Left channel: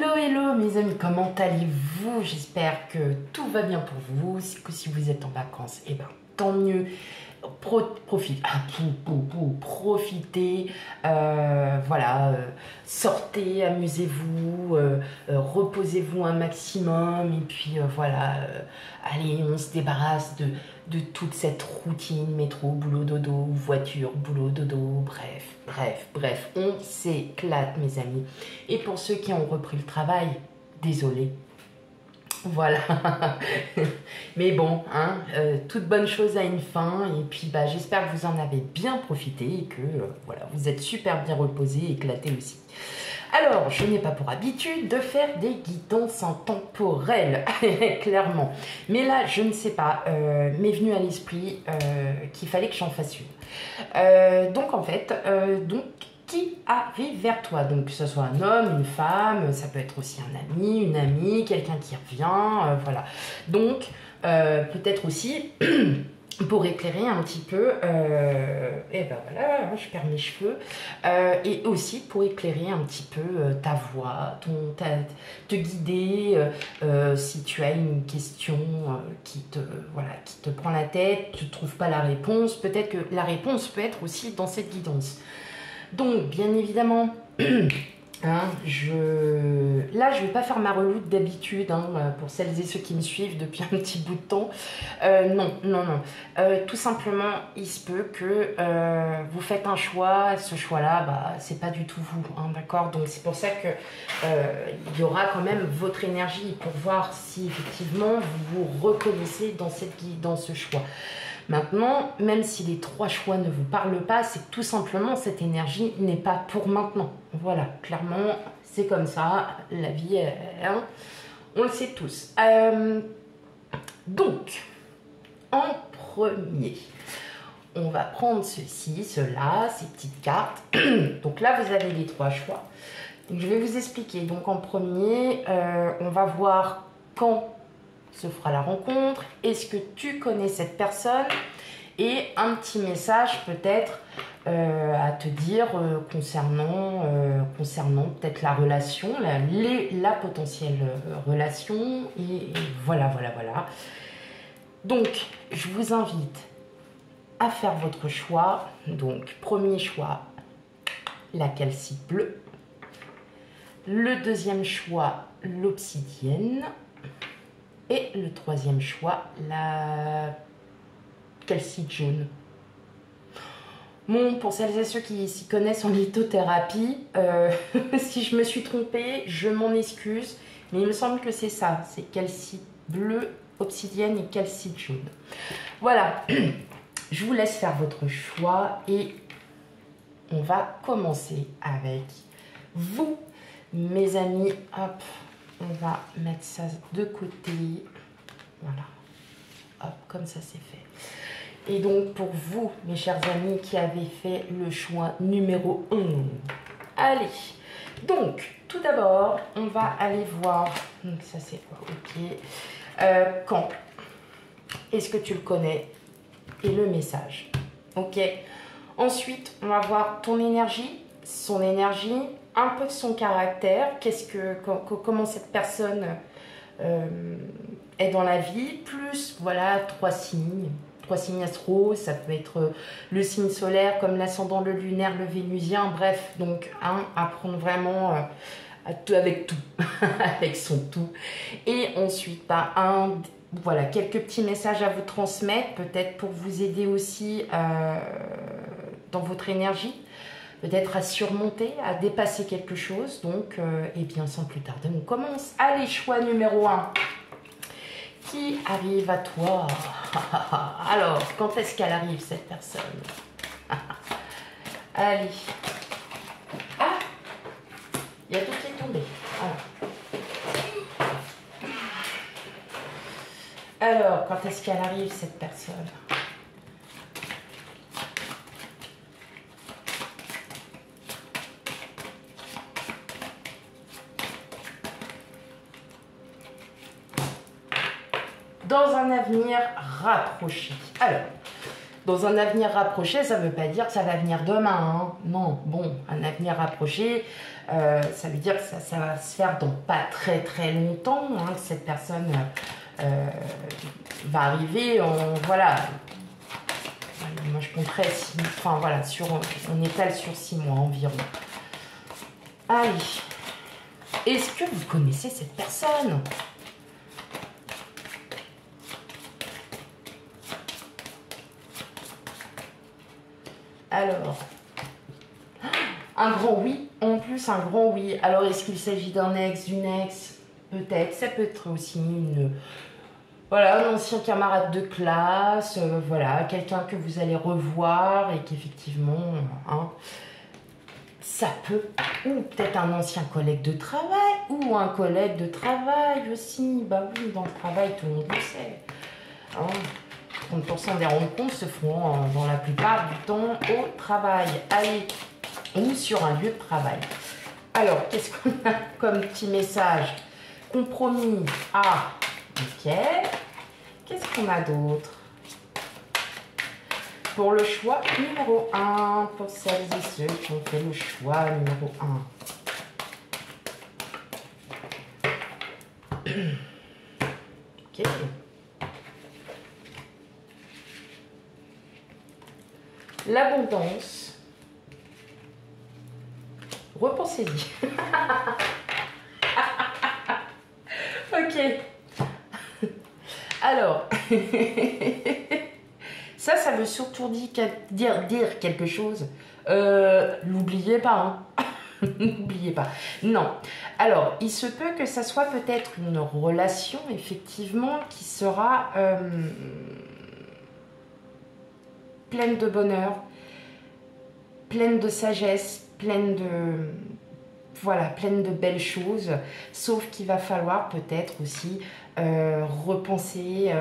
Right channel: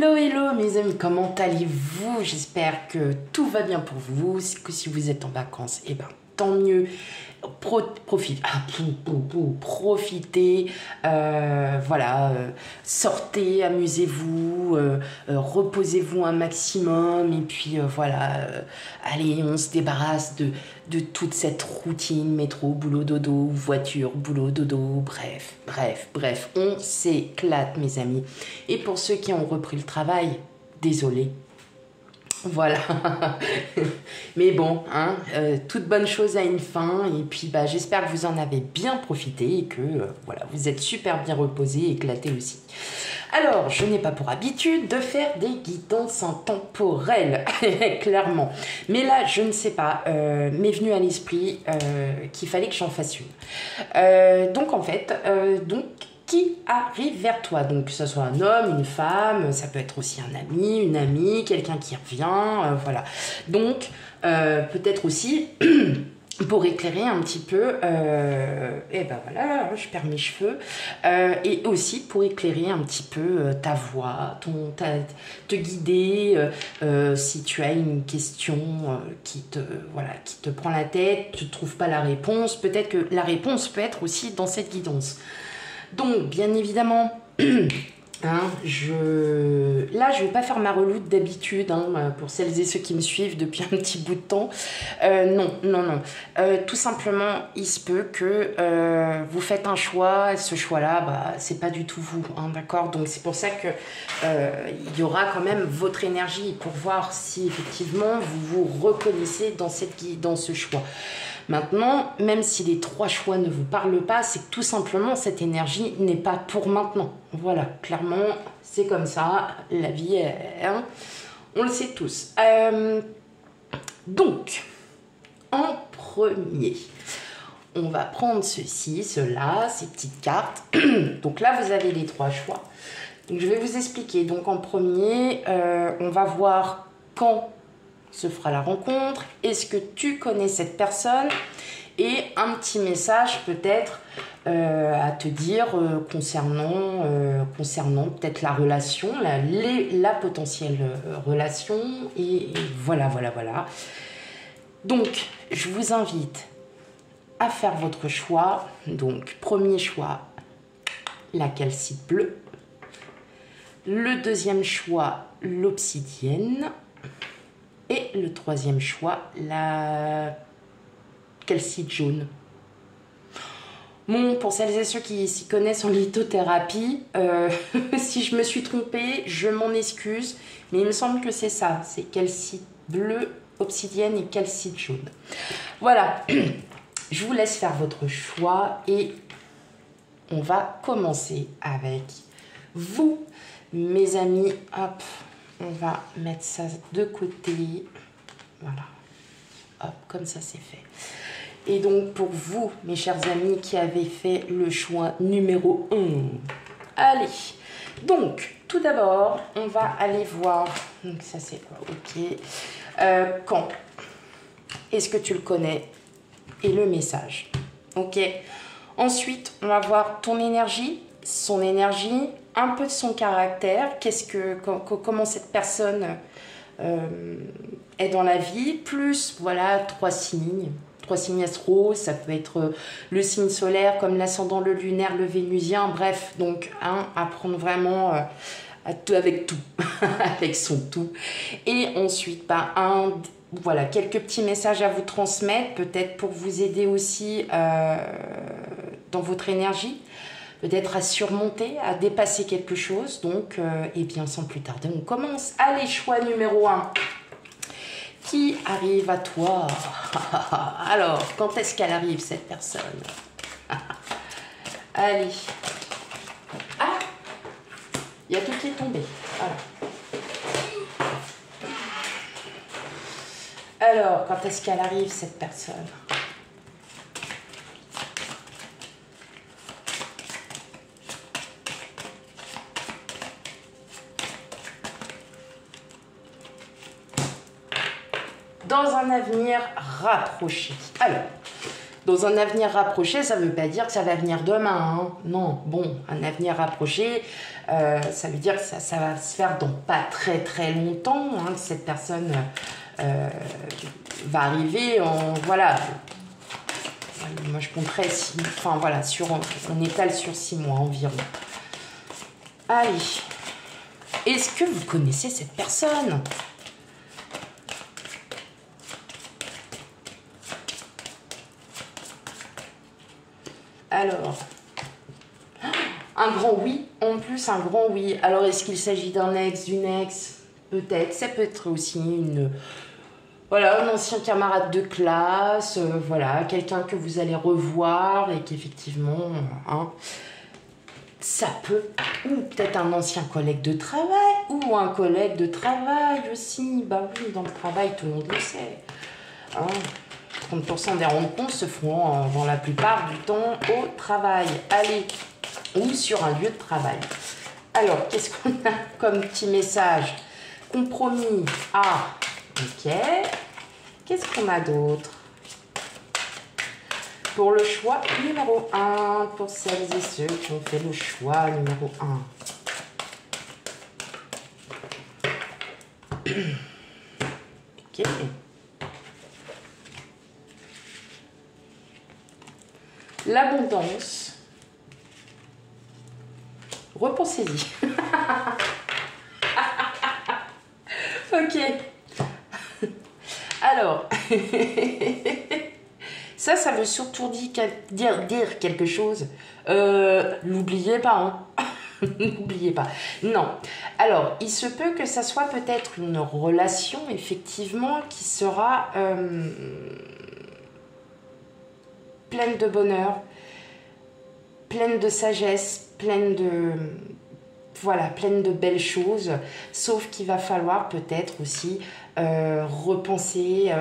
Hello, hello mes amis, comment allez-vous? J'espère que tout va bien pour vous, que si vous êtes en vacances, eh ben tant mieux. Profitez, voilà, sortez, amusez-vous, reposez-vous un maximum et puis voilà, allez, on se débarrasse de toute cette routine, métro, boulot, dodo, voiture, boulot, dodo, bref, on s'éclate mes amis. Et pour ceux qui ont repris le travail, désolé. Voilà, mais bon, hein, toute bonne chose a une fin et puis bah, j'espère que vous en avez bien profité et que voilà, vous êtes super bien reposés et éclatés aussi. Alors, je n'ai pas pour habitude de faire des guidances intemporelles, clairement. Mais là, je ne sais pas, m'est venu à l'esprit qu'il fallait que j'en fasse une. Donc en fait, qui arrive vers toi. Donc, que ce soit un homme, une femme, ça peut être aussi un ami, une amie, quelqu'un qui revient, voilà. Donc, peut-être aussi, pour éclairer un petit peu, et ben voilà, je perds mes cheveux, et aussi pour éclairer un petit peu ta voix, te guider, si tu as une question voilà, qui te prend la tête, tu ne trouves pas la réponse, peut-être que la réponse peut être aussi dans cette guidance. Donc, bien évidemment, hein, là, je ne vais pas faire ma reloute d'habitude, hein, pour celles et ceux qui me suivent depuis un petit bout de temps. Non. Tout simplement, il se peut que vous faites un choix, et ce choix-là, bah, c'est pas du tout vous, hein, d'accord? Donc, c'est pour ça que il y aura quand même votre énergie pour voir si, effectivement, vous vous reconnaissez dans ce choix. Maintenant, même si les trois choix ne vous parlent pas, c'est que tout simplement, cette énergie n'est pas pour maintenant. Voilà, clairement, c'est comme ça, la vie, hein, on le sait tous. Donc, en premier, on va prendre ceci, cela, ces petites cartes. Donc là, vous avez les trois choix. Donc, je vais vous expliquer. Donc, en premier, on va voir quand se fera la rencontre, est-ce que tu connais cette personne, et un petit message peut-être à te dire concernant peut-être la relation, la potentielle relation, et voilà. Donc, je vous invite à faire votre choix. Donc, premier choix, la calcite bleue. Le deuxième choix, l'obsidienne. Et le troisième choix, la calcite jaune. Bon, pour celles et ceux qui s'y connaissent en lithothérapie, si je me suis trompée, je m'en excuse. Mais il me semble que c'est ça. C'est calcite bleue, obsidienne et calcite jaune. Voilà. Je vous laisse faire votre choix et on va commencer avec vous, mes amis. Hop. On va mettre ça de côté. Voilà. Hop, comme ça c'est fait. Et donc pour vous, mes chers amis, qui avez fait le choix numéro 1. Allez. Donc, tout d'abord, on va aller voir. Donc ça c'est ok. Quand est-ce que tu le connais? Et le message. Ok. Ensuite, on va voir ton énergie, son énergie, un peu de son caractère, comment cette personne est dans la vie, plus voilà 3 signes astro, ça peut être le signe solaire comme l'ascendant, le lunaire, le vénusien, bref, donc à prendre vraiment avec tout, avec son tout. Et ensuite, voilà, quelques petits messages à vous transmettre, peut-être pour vous aider aussi dans votre énergie, peut-être à surmonter, à dépasser quelque chose. Donc, et bien sans plus tarder, on commence. Allez, choix numéro 1. Qui arrive à toi? Alors, quand est-ce qu'elle arrive, cette personne? Allez. Ah, il y a tout qui est tombé. Alors, quand est-ce qu'elle arrive, cette personne? Dans un avenir rapproché. Alors, Dans un avenir rapproché, ça ne veut pas dire que ça va venir demain. Hein. Non, bon, un avenir rapproché, ça veut dire que ça va se faire dans pas très très longtemps, hein, que cette personne va arriver en, voilà, moi je compterais, enfin voilà, on étale sur 6 mois environ. Allez, est-ce que vous connaissez cette personne? Alors, un grand oui, en plus un grand oui. Alors, est-ce qu'il s'agit d'un ex, d'une ex? Peut-être, ça peut être aussi voilà, un ancien camarade de classe, voilà, quelqu'un que vous allez revoir et qu'effectivement, hein, ça peut, ou peut-être un ancien collègue de travail, ou un collègue de travail aussi. Bah oui, dans le travail, tout le monde le sait. Hein. 30% des rencontres se font dans la plupart du temps au travail. Allez, ou sur un lieu de travail. Alors, qu'est-ce qu'on a comme petit message? Compromis. Ah, ok. Qu'est-ce qu'on a d'autre? Pour le choix numéro 1, pour celles et ceux qui ont fait le choix numéro 1. Ok. L'abondance. Repensez-y. Ok. Alors, ça veut surtout dire quelque chose. N'oubliez pas, hein. N'oubliez pas. Non. Alors, il se peut que ça soit peut-être une relation, effectivement, qui sera pleine de bonheur, pleine de sagesse, pleine de belles choses, sauf qu'il va falloir peut-être aussi repenser,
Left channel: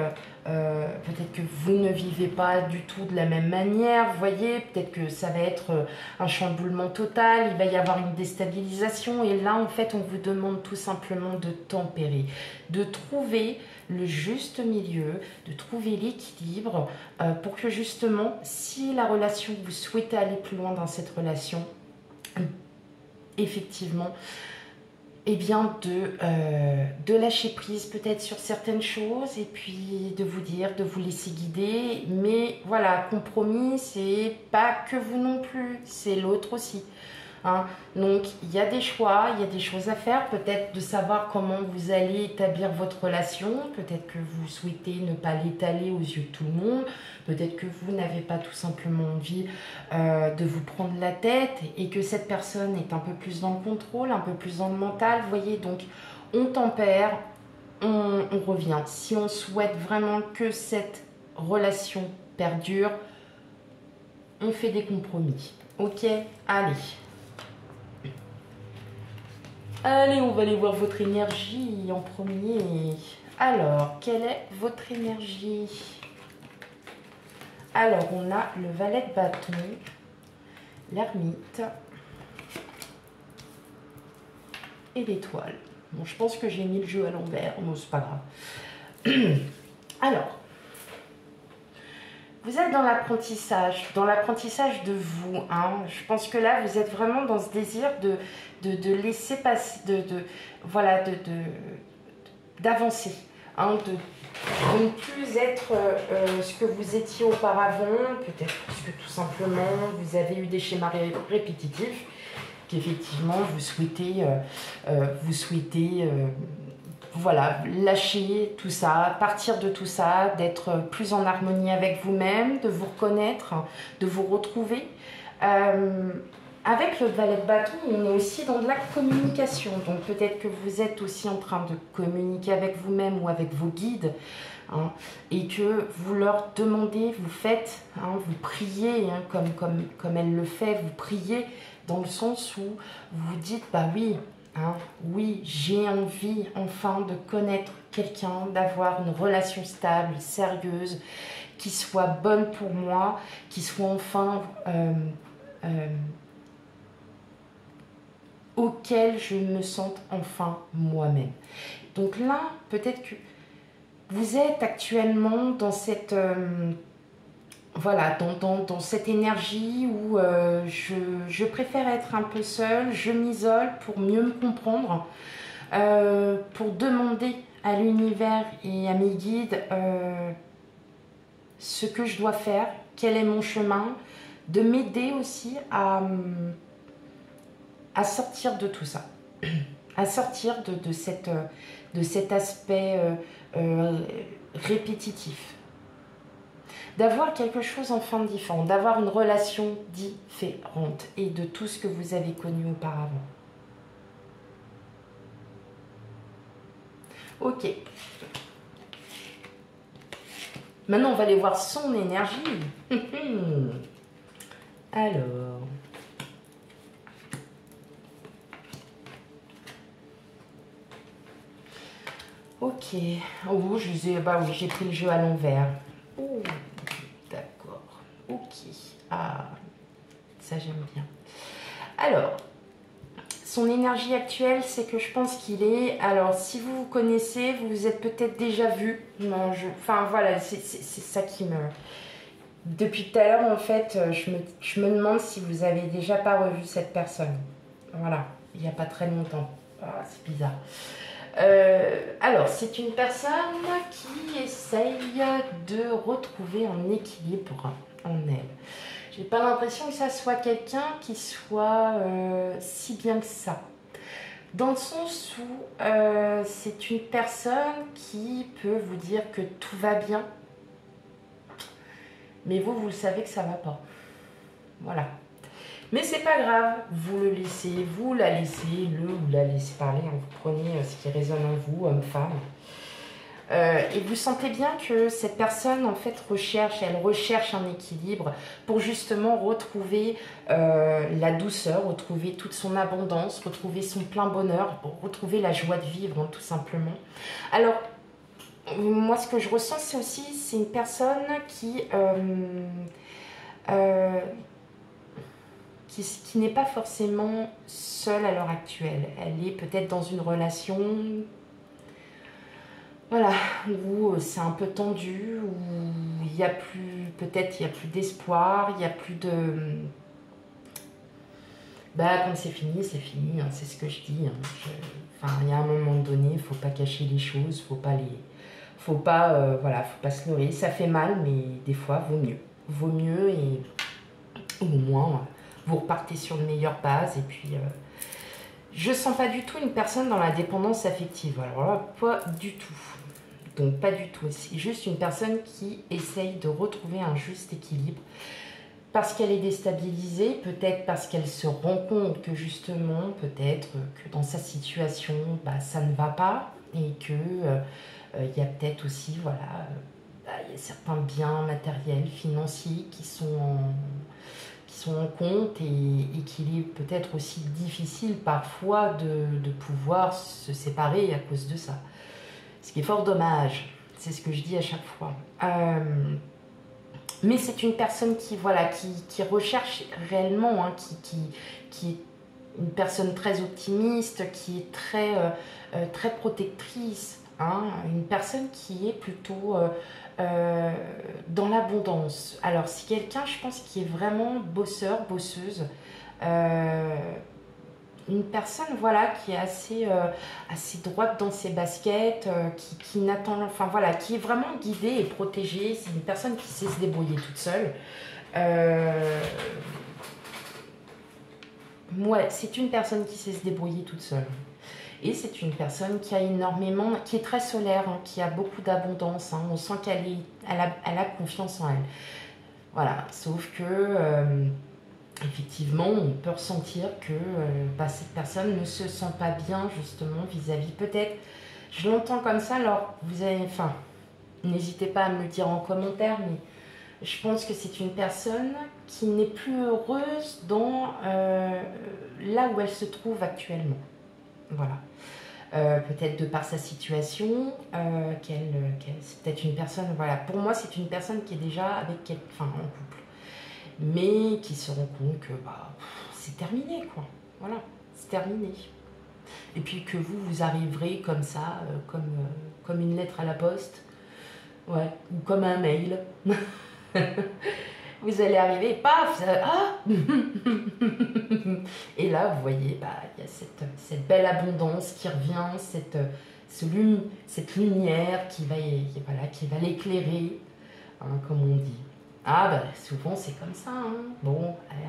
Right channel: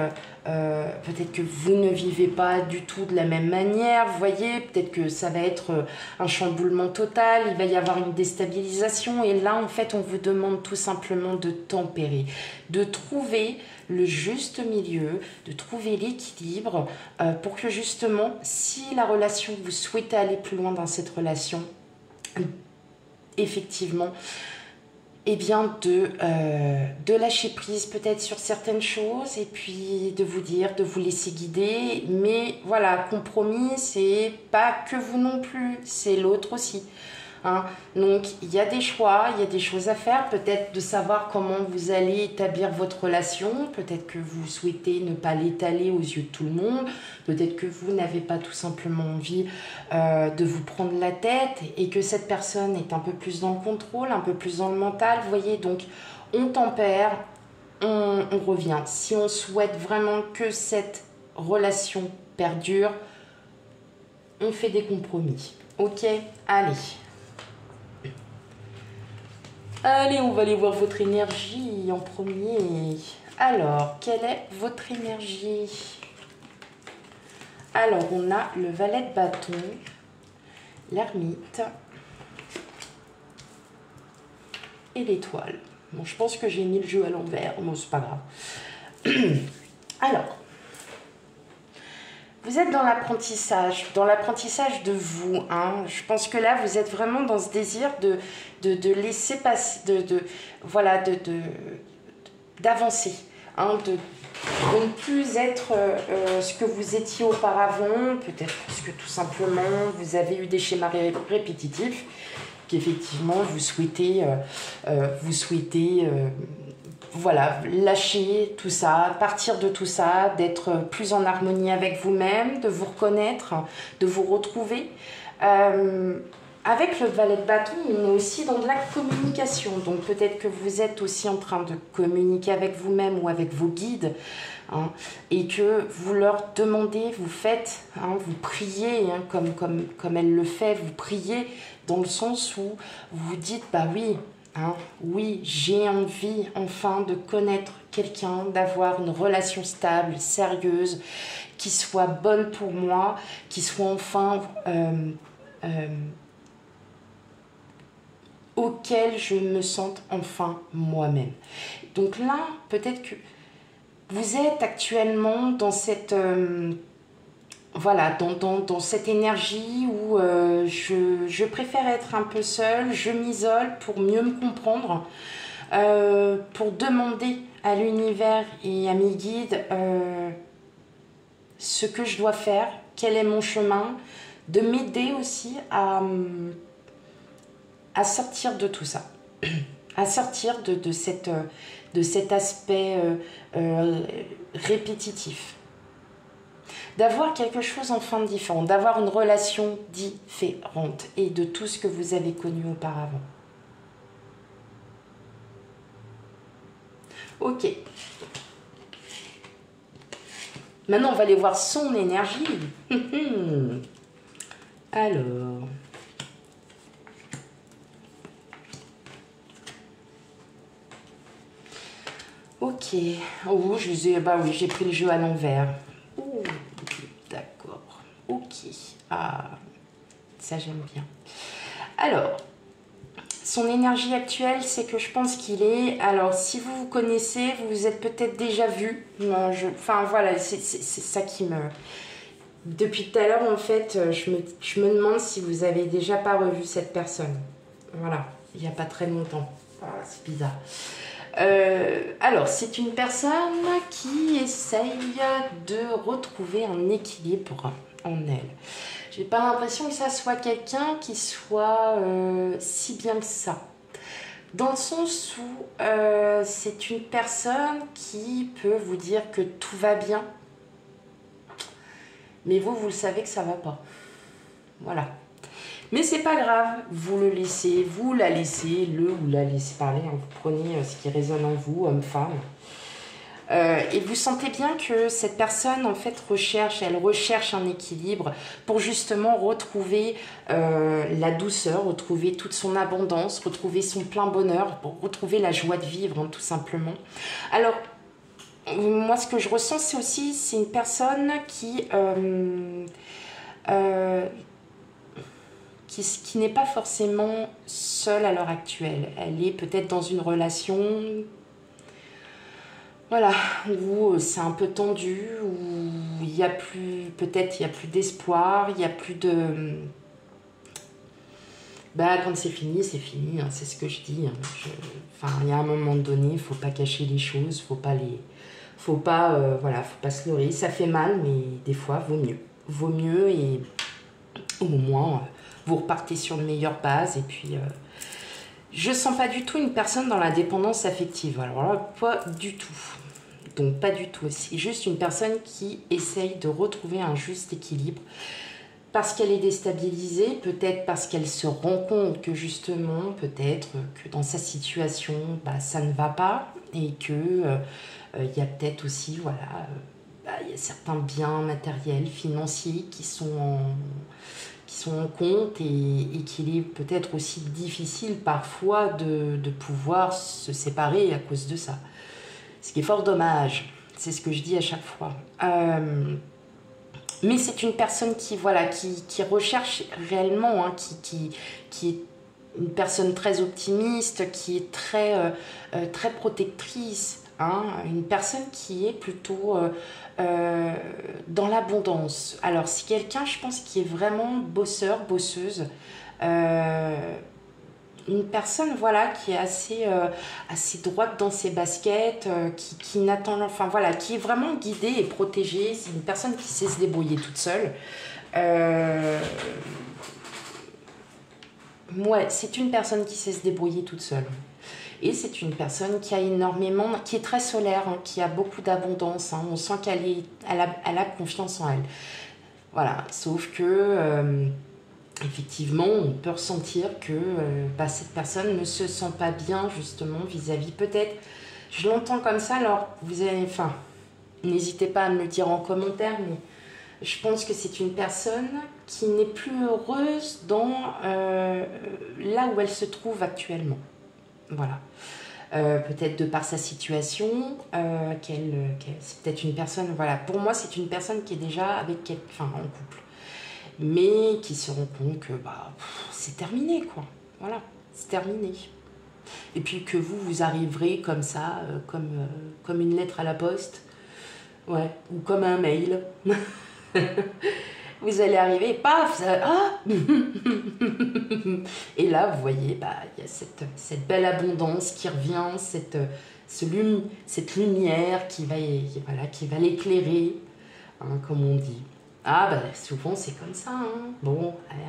peut-être que vous ne vivez pas du tout de la même manière, vous voyez, peut-être que ça va être un chamboulement total, il va y avoir une déstabilisation, et là en fait on vous demande tout simplement de tempérer, de trouver le juste milieu, de trouver l'équilibre pour que justement, si la relation, vous souhaitez aller plus loin dans cette relation, effectivement, eh bien de lâcher prise peut-être sur certaines choses et puis de vous dire, de vous laisser guider. Mais voilà, compromis, c'est pas que vous non plus, c'est l'autre aussi. Hein. Donc, il y a des choix, il y a des choses à faire, peut-être de savoir comment vous allez établir votre relation, peut-être que vous souhaitez ne pas l'étaler aux yeux de tout le monde, peut-être que vous n'avez pas tout simplement envie de vous prendre la tête et que cette personne est un peu plus dans le contrôle, un peu plus dans le mental, vous voyez, donc on tempère, on revient. Si on souhaite vraiment que cette relation perdure, on fait des compromis. Ok, allez. Allez, on va aller voir votre énergie en premier. Alors, quelle est votre énergie? Alors, on a le valet de bâton, l'ermite et l'étoile. Bon, je pense que j'ai mis le jeu à l'envers, mais c'est pas grave. Alors, vous êtes dans l'apprentissage de vous. Hein. Je pense que là, vous êtes vraiment dans ce désir de laisser passer, voilà, d'avancer, hein, de ne plus être ce que vous étiez auparavant, peut-être parce que tout simplement, vous avez eu des schémas répétitifs, qu'effectivement, vous souhaitez voilà, lâcher tout ça, partir de tout ça, d'être plus en harmonie avec vous-même, de vous reconnaître, de vous retrouver. Avec le valet de bâton, on est aussi dans de la communication. Donc peut-être que vous êtes aussi en train de communiquer avec vous-même ou avec vos guides. Hein, et que vous leur demandez, vous faites, hein, vous priez, hein, comme elle le fait, vous priez dans le sens où vous dites, bah oui, hein, oui, j'ai envie enfin de connaître quelqu'un, d'avoir une relation stable, sérieuse, qui soit bonne pour moi, qui soit enfin auquel je me sente enfin moi-même. Donc là, peut-être que vous êtes actuellement dans cette voilà, dans cette énergie où je préfère être un peu seule, je m'isole pour mieux me comprendre, pour demander à l'univers et à mes guides ce que je dois faire, quel est mon chemin, de m'aider aussi à sortir de tout ça, à sortir de cet aspect répétitif. D'avoir quelque chose enfin différent, d'avoir une relation différente et de tout ce que vous avez connu auparavant. Ok. Maintenant, on va aller voir son énergie. Alors. Ok. Oh, bah oui, j'ai pris le jeu à l'envers. Oh, d'accord. Ok. Ah, ça j'aime bien. Alors, son énergie actuelle, c'est que je pense qu'il est... Alors, si vous vous connaissez, vous vous êtes peut-être déjà vu. Enfin, voilà, c'est ça qui me... Depuis tout à l'heure, en fait, je me demande si vous avez déjà pas revu cette personne. Voilà, il n'y a pas très longtemps. Oh, c'est bizarre. Alors, c'est une personne qui essaye de retrouver un équilibre en elle. J'ai pas l'impression que ça soit quelqu'un qui soit si bien que ça. Dans le sens où c'est une personne qui peut vous dire que tout va bien, mais vous savez que ça va pas. Voilà. Mais c'est pas grave, vous le laissez, vous la laissez, le ou la laissez parler, hein. Vous prenez ce qui résonne en vous, homme-femme. Et vous sentez bien que cette personne, en fait, elle recherche un équilibre pour justement retrouver la douceur, retrouver toute son abondance, retrouver son plein bonheur, pour retrouver la joie de vivre, hein, tout simplement. Alors, moi, ce que je ressens, c'est une personne qui n'est pas forcément seule à l'heure actuelle. Elle est peut-être dans une relation, voilà, où c'est un peu tendu, où il y a plus, peut-être il y a plus d'espoir, il y a plus de... Bah, quand c'est fini, hein, c'est ce que je dis. Hein. Enfin, il y a un moment donné, il ne faut pas cacher les choses, faut pas se leurrer. Ça fait mal, mais des fois, vaut mieux. Vaut mieux et au moins, vous repartez sur de meilleures bases. Et puis, je sens pas du tout une personne dans la dépendance affective. Alors là, pas du tout. Donc, pas du tout. C'est juste une personne qui essaye de retrouver un juste équilibre. Parce qu'elle est déstabilisée, peut-être parce qu'elle se rend compte que justement, peut-être que dans sa situation, bah, ça ne va pas et que y a peut-être aussi, voilà, il y a certains biens matériels, financiers qui sont en compte et qu'il est peut-être aussi difficile parfois de pouvoir se séparer à cause de ça. Ce qui est fort dommage, c'est ce que je dis à chaque fois. Mais c'est une personne qui recherche réellement, hein, qui est une personne très optimiste, qui est très protectrice, hein, une personne qui est plutôt dans l'abondance. Alors, c'est quelqu'un, je pense, qui est vraiment bosseur, bosseuse, une personne voilà qui est assez droite dans ses baskets, qui n'attend, enfin voilà, qui est vraiment guidée et protégée. C'est une personne qui sait se débrouiller toute seule. Ouais, c'est une personne qui sait se débrouiller toute seule. Et c'est une personne qui a énormément, qui est très solaire, hein, qui a beaucoup d'abondance. Hein. On sent elle a confiance en elle. Voilà, sauf que effectivement, on peut ressentir que cette personne ne se sent pas bien justement vis-à-vis. Peut-être, je l'entends comme ça, alors n'hésitez pas à me le dire en commentaire, mais je pense que c'est une personne qui n'est plus heureuse dans là où elle se trouve actuellement. Voilà. Peut-être de par sa situation, c'est peut-être une personne, voilà, pour moi c'est une personne qui est déjà en couple, mais qui se rend compte que c'est terminé, quoi. Voilà, c'est terminé. Et puis que vous arriverez comme ça, comme une lettre à la poste, ouais, ou comme un mail. Vous allez arriver, paf, ah et là, vous voyez, bah, il y a cette belle abondance qui revient, cette lumière voilà, qui va l'éclairer, hein, comme on dit. Ah, bah, souvent, c'est comme ça. Hein. Bon, allez.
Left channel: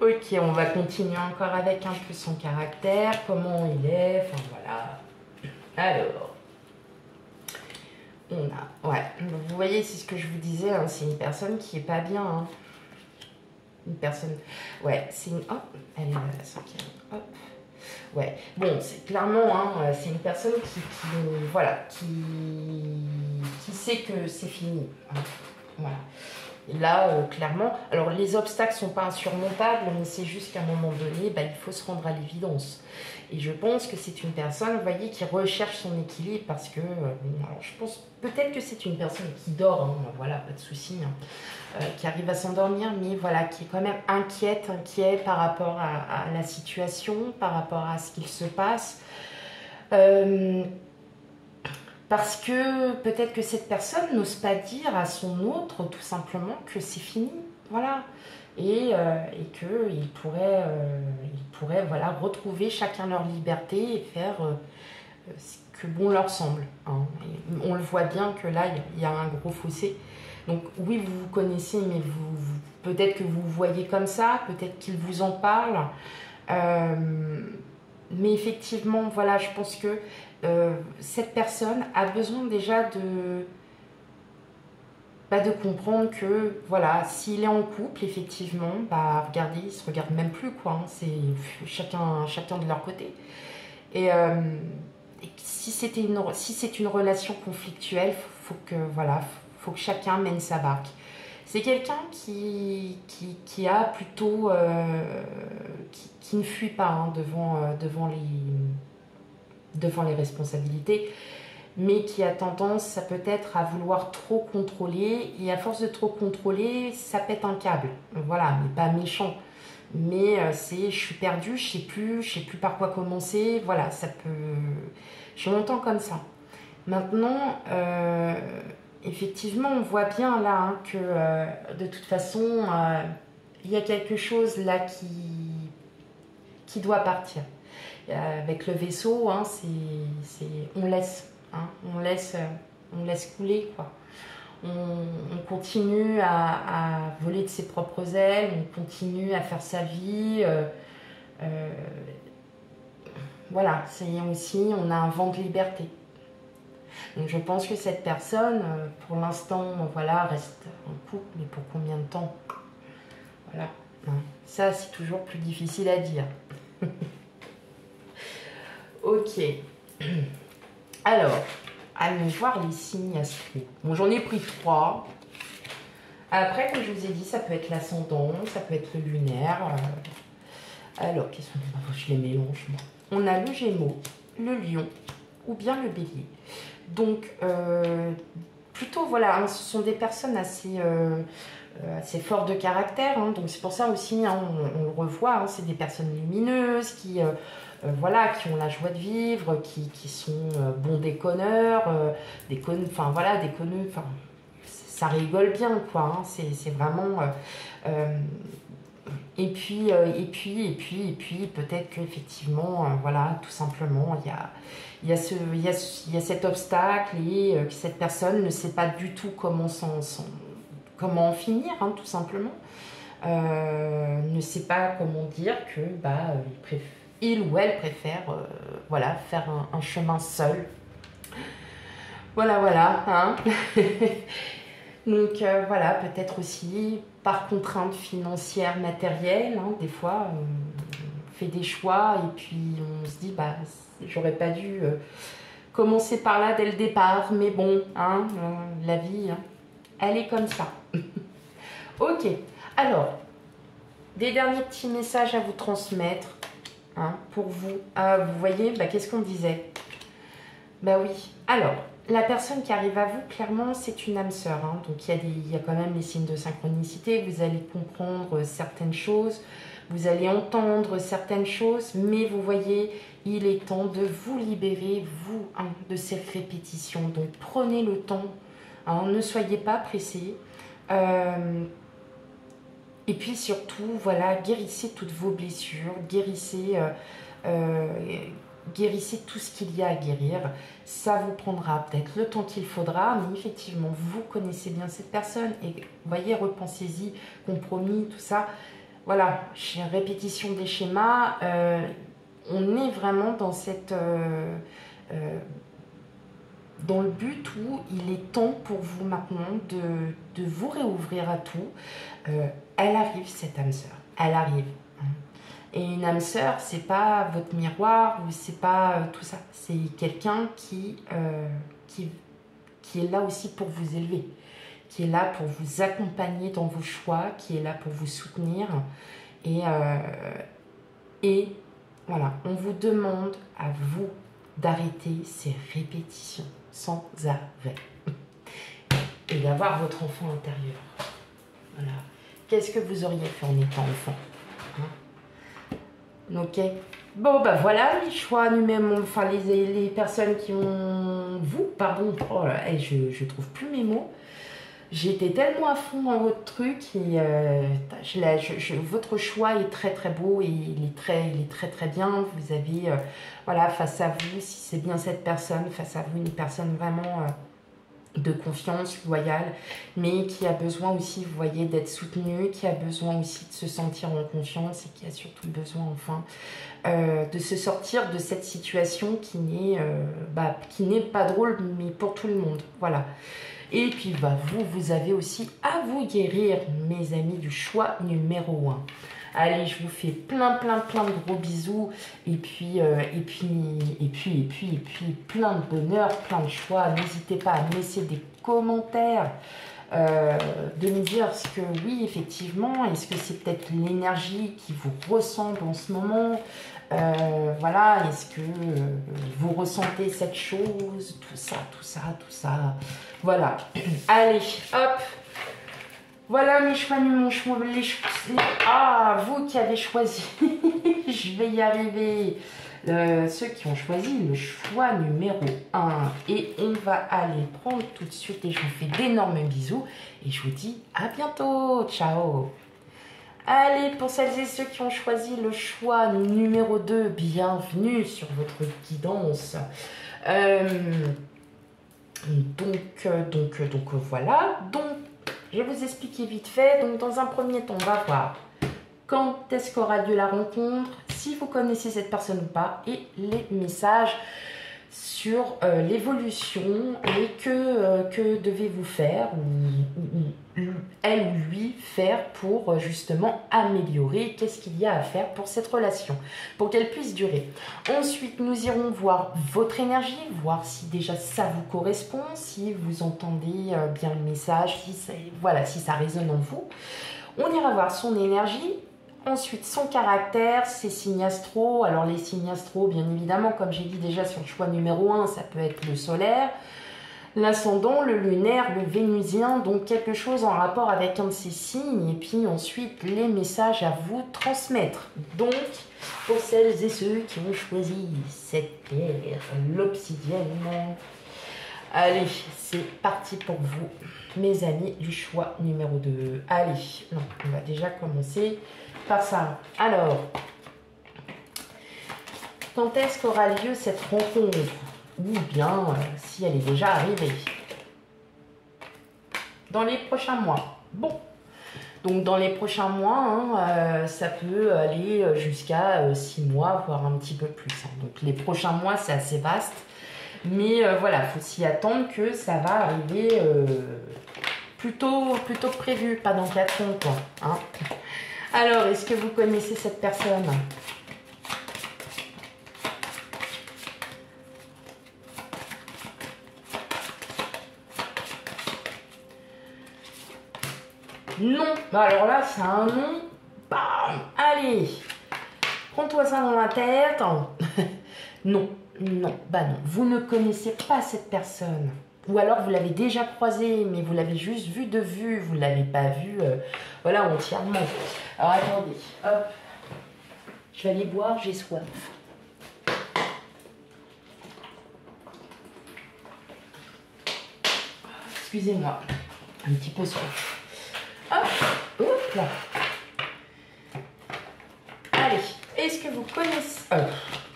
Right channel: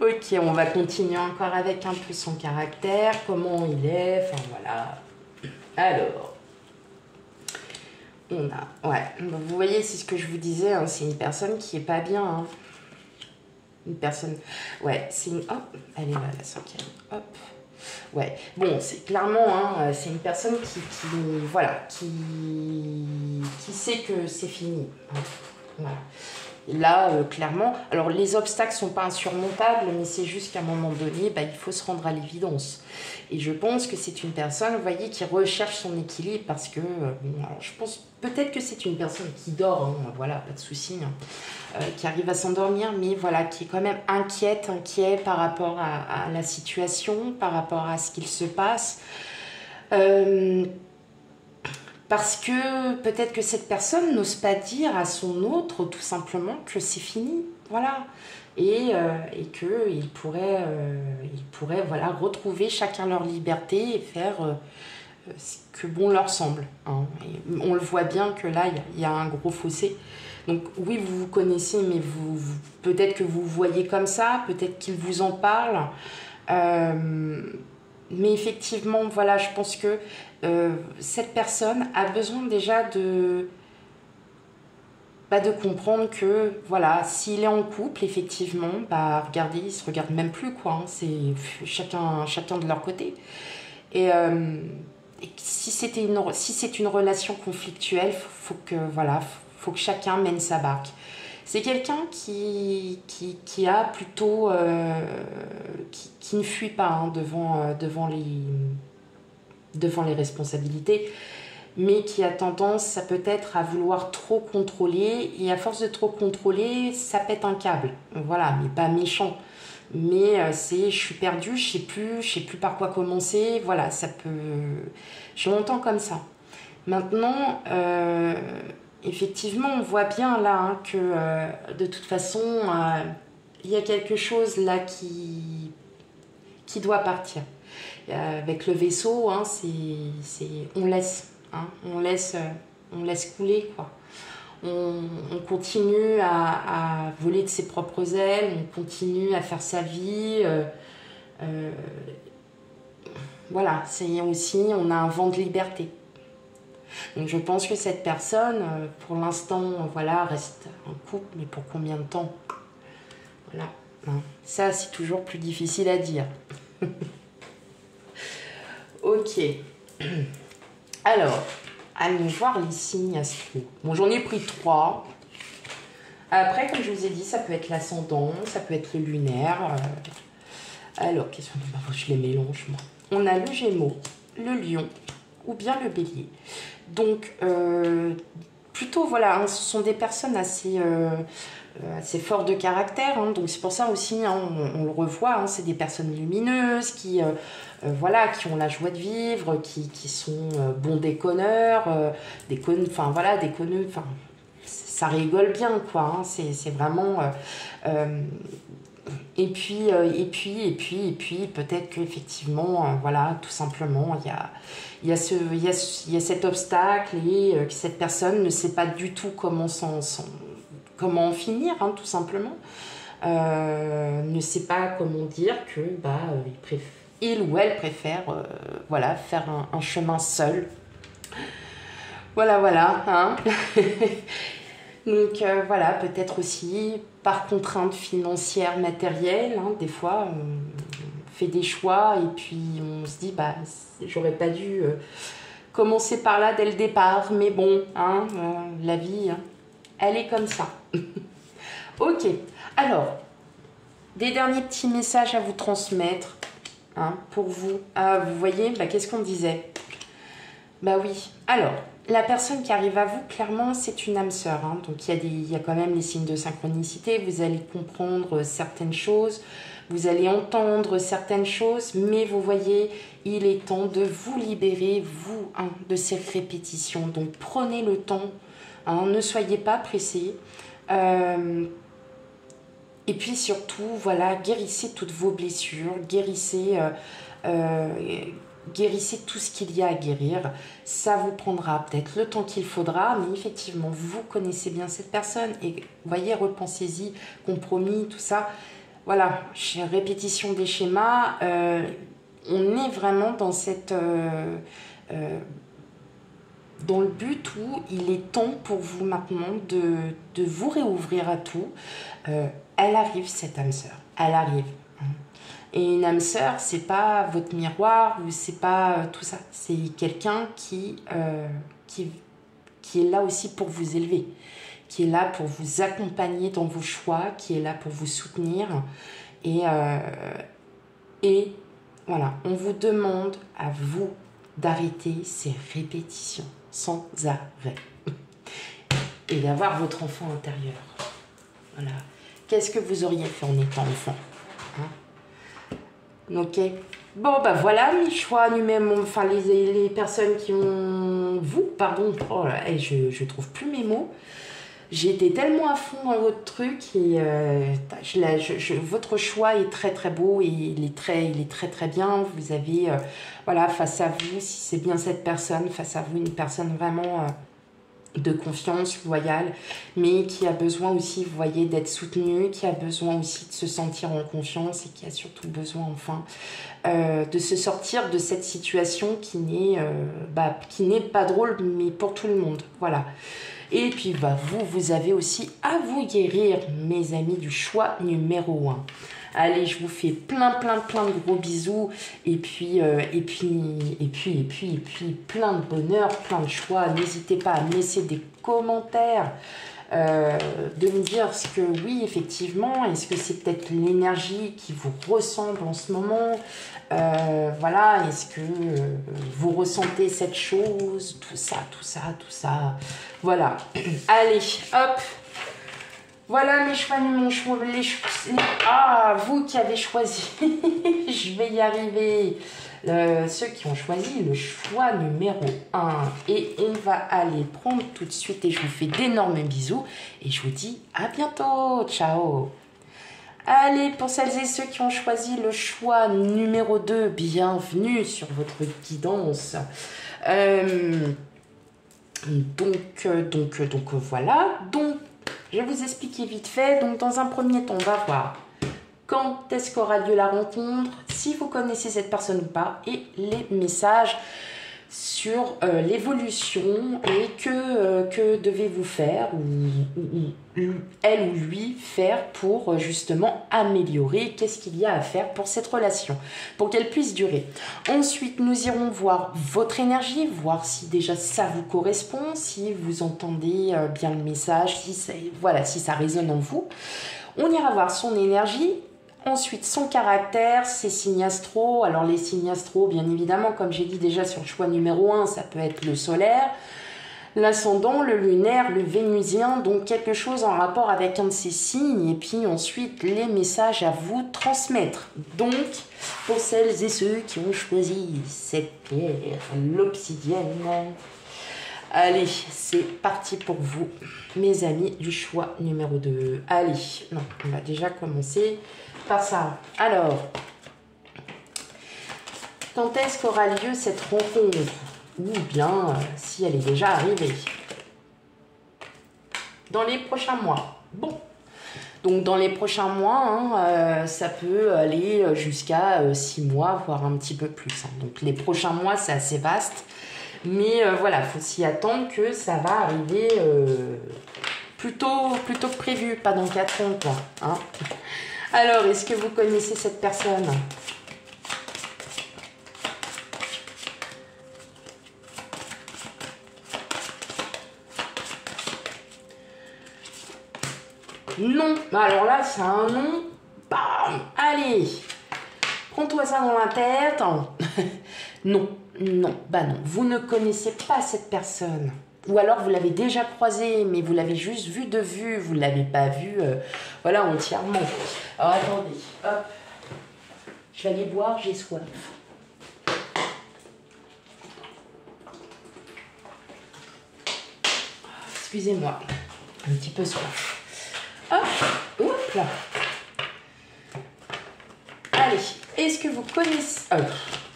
Ok, on va continuer encore avec un peu son caractère, comment il est, enfin voilà. Alors, on a, ouais, vous voyez, c'est ce que je vous disais, hein, c'est une personne qui est pas bien. Hein. Une personne, ouais, c'est une, hop, elle est là, la cinquième, hop. Ouais, bon, c'est clairement, hein, c'est une personne voilà, qui sait que c'est fini. Hein, voilà. Et là, clairement, alors les obstacles ne sont pas insurmontables, mais c'est juste qu'à un moment donné, bah, il faut se rendre à l'évidence. Et je pense que c'est une personne, vous voyez, qui recherche son équilibre parce que, alors je pense peut-être que c'est une personne qui dort, hein, voilà, pas de souci, hein, qui arrive à s'endormir, mais voilà, qui est quand même inquiet par rapport à la situation, par rapport à ce qu'il se passe. Parce que peut-être que cette personne n'ose pas dire à son autre tout simplement que c'est fini, voilà. Et qu'ils pourraient, voilà, retrouver chacun leur liberté et faire ce que bon leur semble. Hein. Et on le voit bien que là, il y a un gros fossé. Donc oui, vous vous connaissez, mais peut-être que vous voyez comme ça, peut-être qu'il vous en parle. Mais effectivement, voilà, je pense que cette personne a besoin déjà de comprendre que, voilà, s'il est en couple, effectivement, bah, regardez, ils se regardent même plus, quoi. Hein, c'est chacun de leur côté. Et si c'est une relation conflictuelle, faut que chacun mène sa barque. C'est quelqu'un qui a plutôt qui ne fuit pas hein, devant les responsabilités, mais qui a tendance, ça peut être, à vouloir trop contrôler, et à force de trop contrôler, ça pète un câble. Voilà, mais pas méchant. Mais je suis perdue, je sais plus par quoi commencer. Voilà, ça peut. Je m'entends comme ça. Maintenant, effectivement, on voit bien là hein, que de toute façon, il y a quelque chose là qui doit partir. Avec le vaisseau, hein, on laisse, hein, on laisse couler quoi. On continue à voler de ses propres ailes, on continue à faire sa vie. Voilà, c'est aussi, on a un vent de liberté. Donc je pense que cette personne, pour l'instant, voilà, reste en couple, mais pour combien de temps? Voilà. Hein. Ça, c'est toujours plus difficile à dire. Ok. Alors, allons voir les signes astraux. Bon, j'en ai pris 3. Après, comme je vous ai dit, ça peut être l'ascendant, ça peut être le lunaire. Alors, qu'est-ce qu'on a? Je les mélange, moi. On a le Gémeaux, le Lion ou bien le Bélier. Donc, plutôt, voilà, hein, ce sont des personnes assez fortes de caractère. Hein, donc, c'est pour ça aussi, hein, on le revoit, hein, c'est des personnes lumineuses qui, voilà, qui ont la joie de vivre, qui sont bons déconneurs, enfin, voilà, déconneux, enfin, ça rigole bien, quoi. Hein, c'est vraiment... et puis peut-être qu'effectivement, voilà, tout simplement, il y a cet obstacle et que cette personne ne sait pas du tout comment en finir, hein, tout simplement. Ne sait pas comment dire que il ou elle préfère voilà, faire un chemin seul. Voilà, hein. Donc voilà, peut-être aussi par contrainte financière, matérielle, hein, des fois on fait des choix et puis on se dit bah j'aurais pas dû commencer par là dès le départ, mais bon, hein, la vie, hein, elle est comme ça. Ok, alors, des derniers petits messages à vous transmettre hein, pour vous. Vous voyez, bah, qu'est-ce qu'on disait? Bah oui, alors... La personne qui arrive à vous, clairement, c'est une âme sœur. Hein. Donc, il y a quand même les signes de synchronicité. Vous allez comprendre certaines choses. Vous allez entendre certaines choses. Mais vous voyez, il est temps de vous libérer, vous, hein, de ces répétitions. Donc, prenez le temps Hein, ne soyez pas pressés. Et puis surtout, voilà, guérissez toutes vos blessures, guérissez tout ce qu'il y a à guérir. Ça vous prendra peut-être le temps qu'il faudra, mais effectivement, vous connaissez bien cette personne et voyez, repensez-y, compromis, tout ça. Voilà, répétition des schémas, on est vraiment dans dans le but où il est temps pour vous maintenant de vous réouvrir à tout. Elle arrive, cette âme sœur, elle arrive. Et une âme sœur, c'est pas votre miroir ou c'est pas tout ça. C'est quelqu'un qui est là aussi pour vous élever, qui est là pour vous accompagner dans vos choix, qui est là pour vous soutenir. Et voilà, on vous demande à vous d'arrêter ces répétitions sans arrêt et d'avoir votre enfant intérieur. Voilà. Qu'est-ce que vous auriez fait en étant enfant? Ok. Bon, bah voilà, mes choix numéro... Enfin, les personnes qui ont... Pardon. Oh là, et je trouve plus mes mots. J'ai été tellement à fond dans votre truc et votre choix est très très beau et il est très très bien. Vous avez, voilà, face à vous, si c'est bien cette personne, face à vous, une personne vraiment... de confiance, loyale, mais qui a besoin aussi, vous voyez, d'être soutenue, qui a besoin aussi de se sentir en confiance et qui a surtout besoin, enfin, de se sortir de cette situation qui n'est pas drôle, mais pour tout le monde, voilà. Et puis, bah, vous avez aussi à vous guérir, mes amis, du choix numéro 1. Allez, je vous fais plein de gros bisous et puis plein de bonheur, plein de choix. N'hésitez pas à me laisser des commentaires, de me dire ce que, oui, effectivement, est-ce que c'est peut-être l'énergie qui vous ressemble en ce moment? Voilà, est-ce que vous ressentez cette chose? Tout ça. Voilà. Allez, hop. Voilà mes choix, vous qui avez choisi, je vais y arriver, ceux qui ont choisi le choix numéro 1. Et on va aller prendre tout de suite et je vous fais d'énormes bisous et je vous dis à bientôt, ciao. Allez, pour celles et ceux qui ont choisi le choix numéro 2, bienvenue sur votre guidance. Donc voilà, je vais vous expliquer vite fait. Donc, dans un premier temps, on va voir quand est-ce qu'aura lieu la rencontre, si vous connaissez cette personne ou pas, et les messages sur l'évolution et que devez-vous faire, ou elle ou lui faire pour justement améliorer, qu'est-ce qu'il y a à faire pour cette relation, pour qu'elle puisse durer. Ensuite, nous irons voir votre énergie, voir si déjà ça vous correspond, si vous entendez bien le message, si ça résonne en vous. On ira voir son énergie. Ensuite, son caractère, ses signes astro. Alors, les signes astro, bien évidemment, comme j'ai dit déjà sur le choix numéro 1, ça peut être le solaire, l'ascendant, le lunaire, le vénusien, donc quelque chose en rapport avec un de ces signes. Et puis ensuite, les messages à vous transmettre. Donc, pour celles et ceux qui ont choisi cette pierre, l'obsidienne, allez, c'est parti pour vous, mes amis, du choix numéro 2. Allez, non, on va déjà commencer par ça. Alors, quand est-ce qu'aura lieu cette rencontre? Ou bien, si elle est déjà arrivée? Dans les prochains mois. Bon. Donc, dans les prochains mois, ça peut aller jusqu'à 6 mois, voire un petit peu plus. Donc, les prochains mois, c'est assez vaste. Mais voilà, il faut s'y attendre que ça va arriver plutôt que prévu, pas dans 4 ans, quoi. Hein. Alors, est-ce que vous connaissez cette personne? Non. Bah alors là, c'est un nom. Bam. Allez. Prends-toi ça dans la tête. Non. Bah non. Vous ne connaissez pas cette personne. Ou alors vous l'avez déjà croisée, mais vous l'avez juste vue de vue. Vous ne l'avez pas vue, voilà, entièrement. Alors attendez. Hop. Je vais aller boire, j'ai soif. excusez-moi, un petit peu soif. Hop, hop là. Allez, est-ce que vous connaissez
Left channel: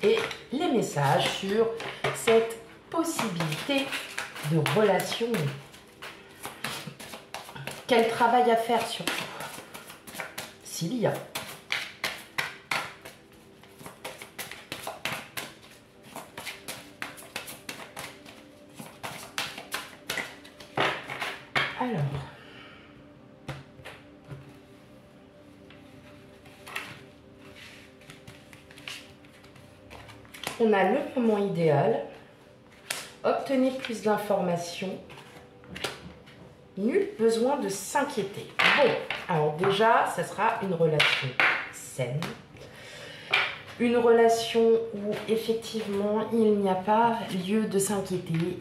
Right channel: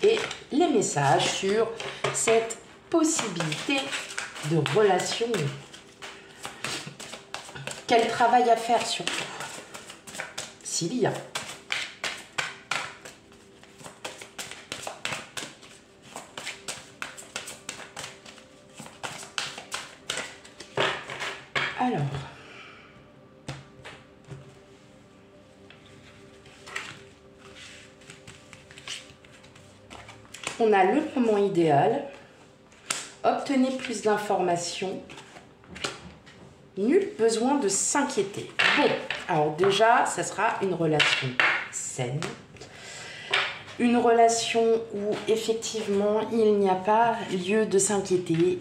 et les messages sur cette possibilité de relation? Quel travail à faire surtout, s'il y a. Alors, on a le moment idéal, obtenez plus d'informations, nul besoin de s'inquiéter. Bon, alors déjà, ça sera une relation saine, une relation où effectivement il n'y a pas lieu de s'inquiéter.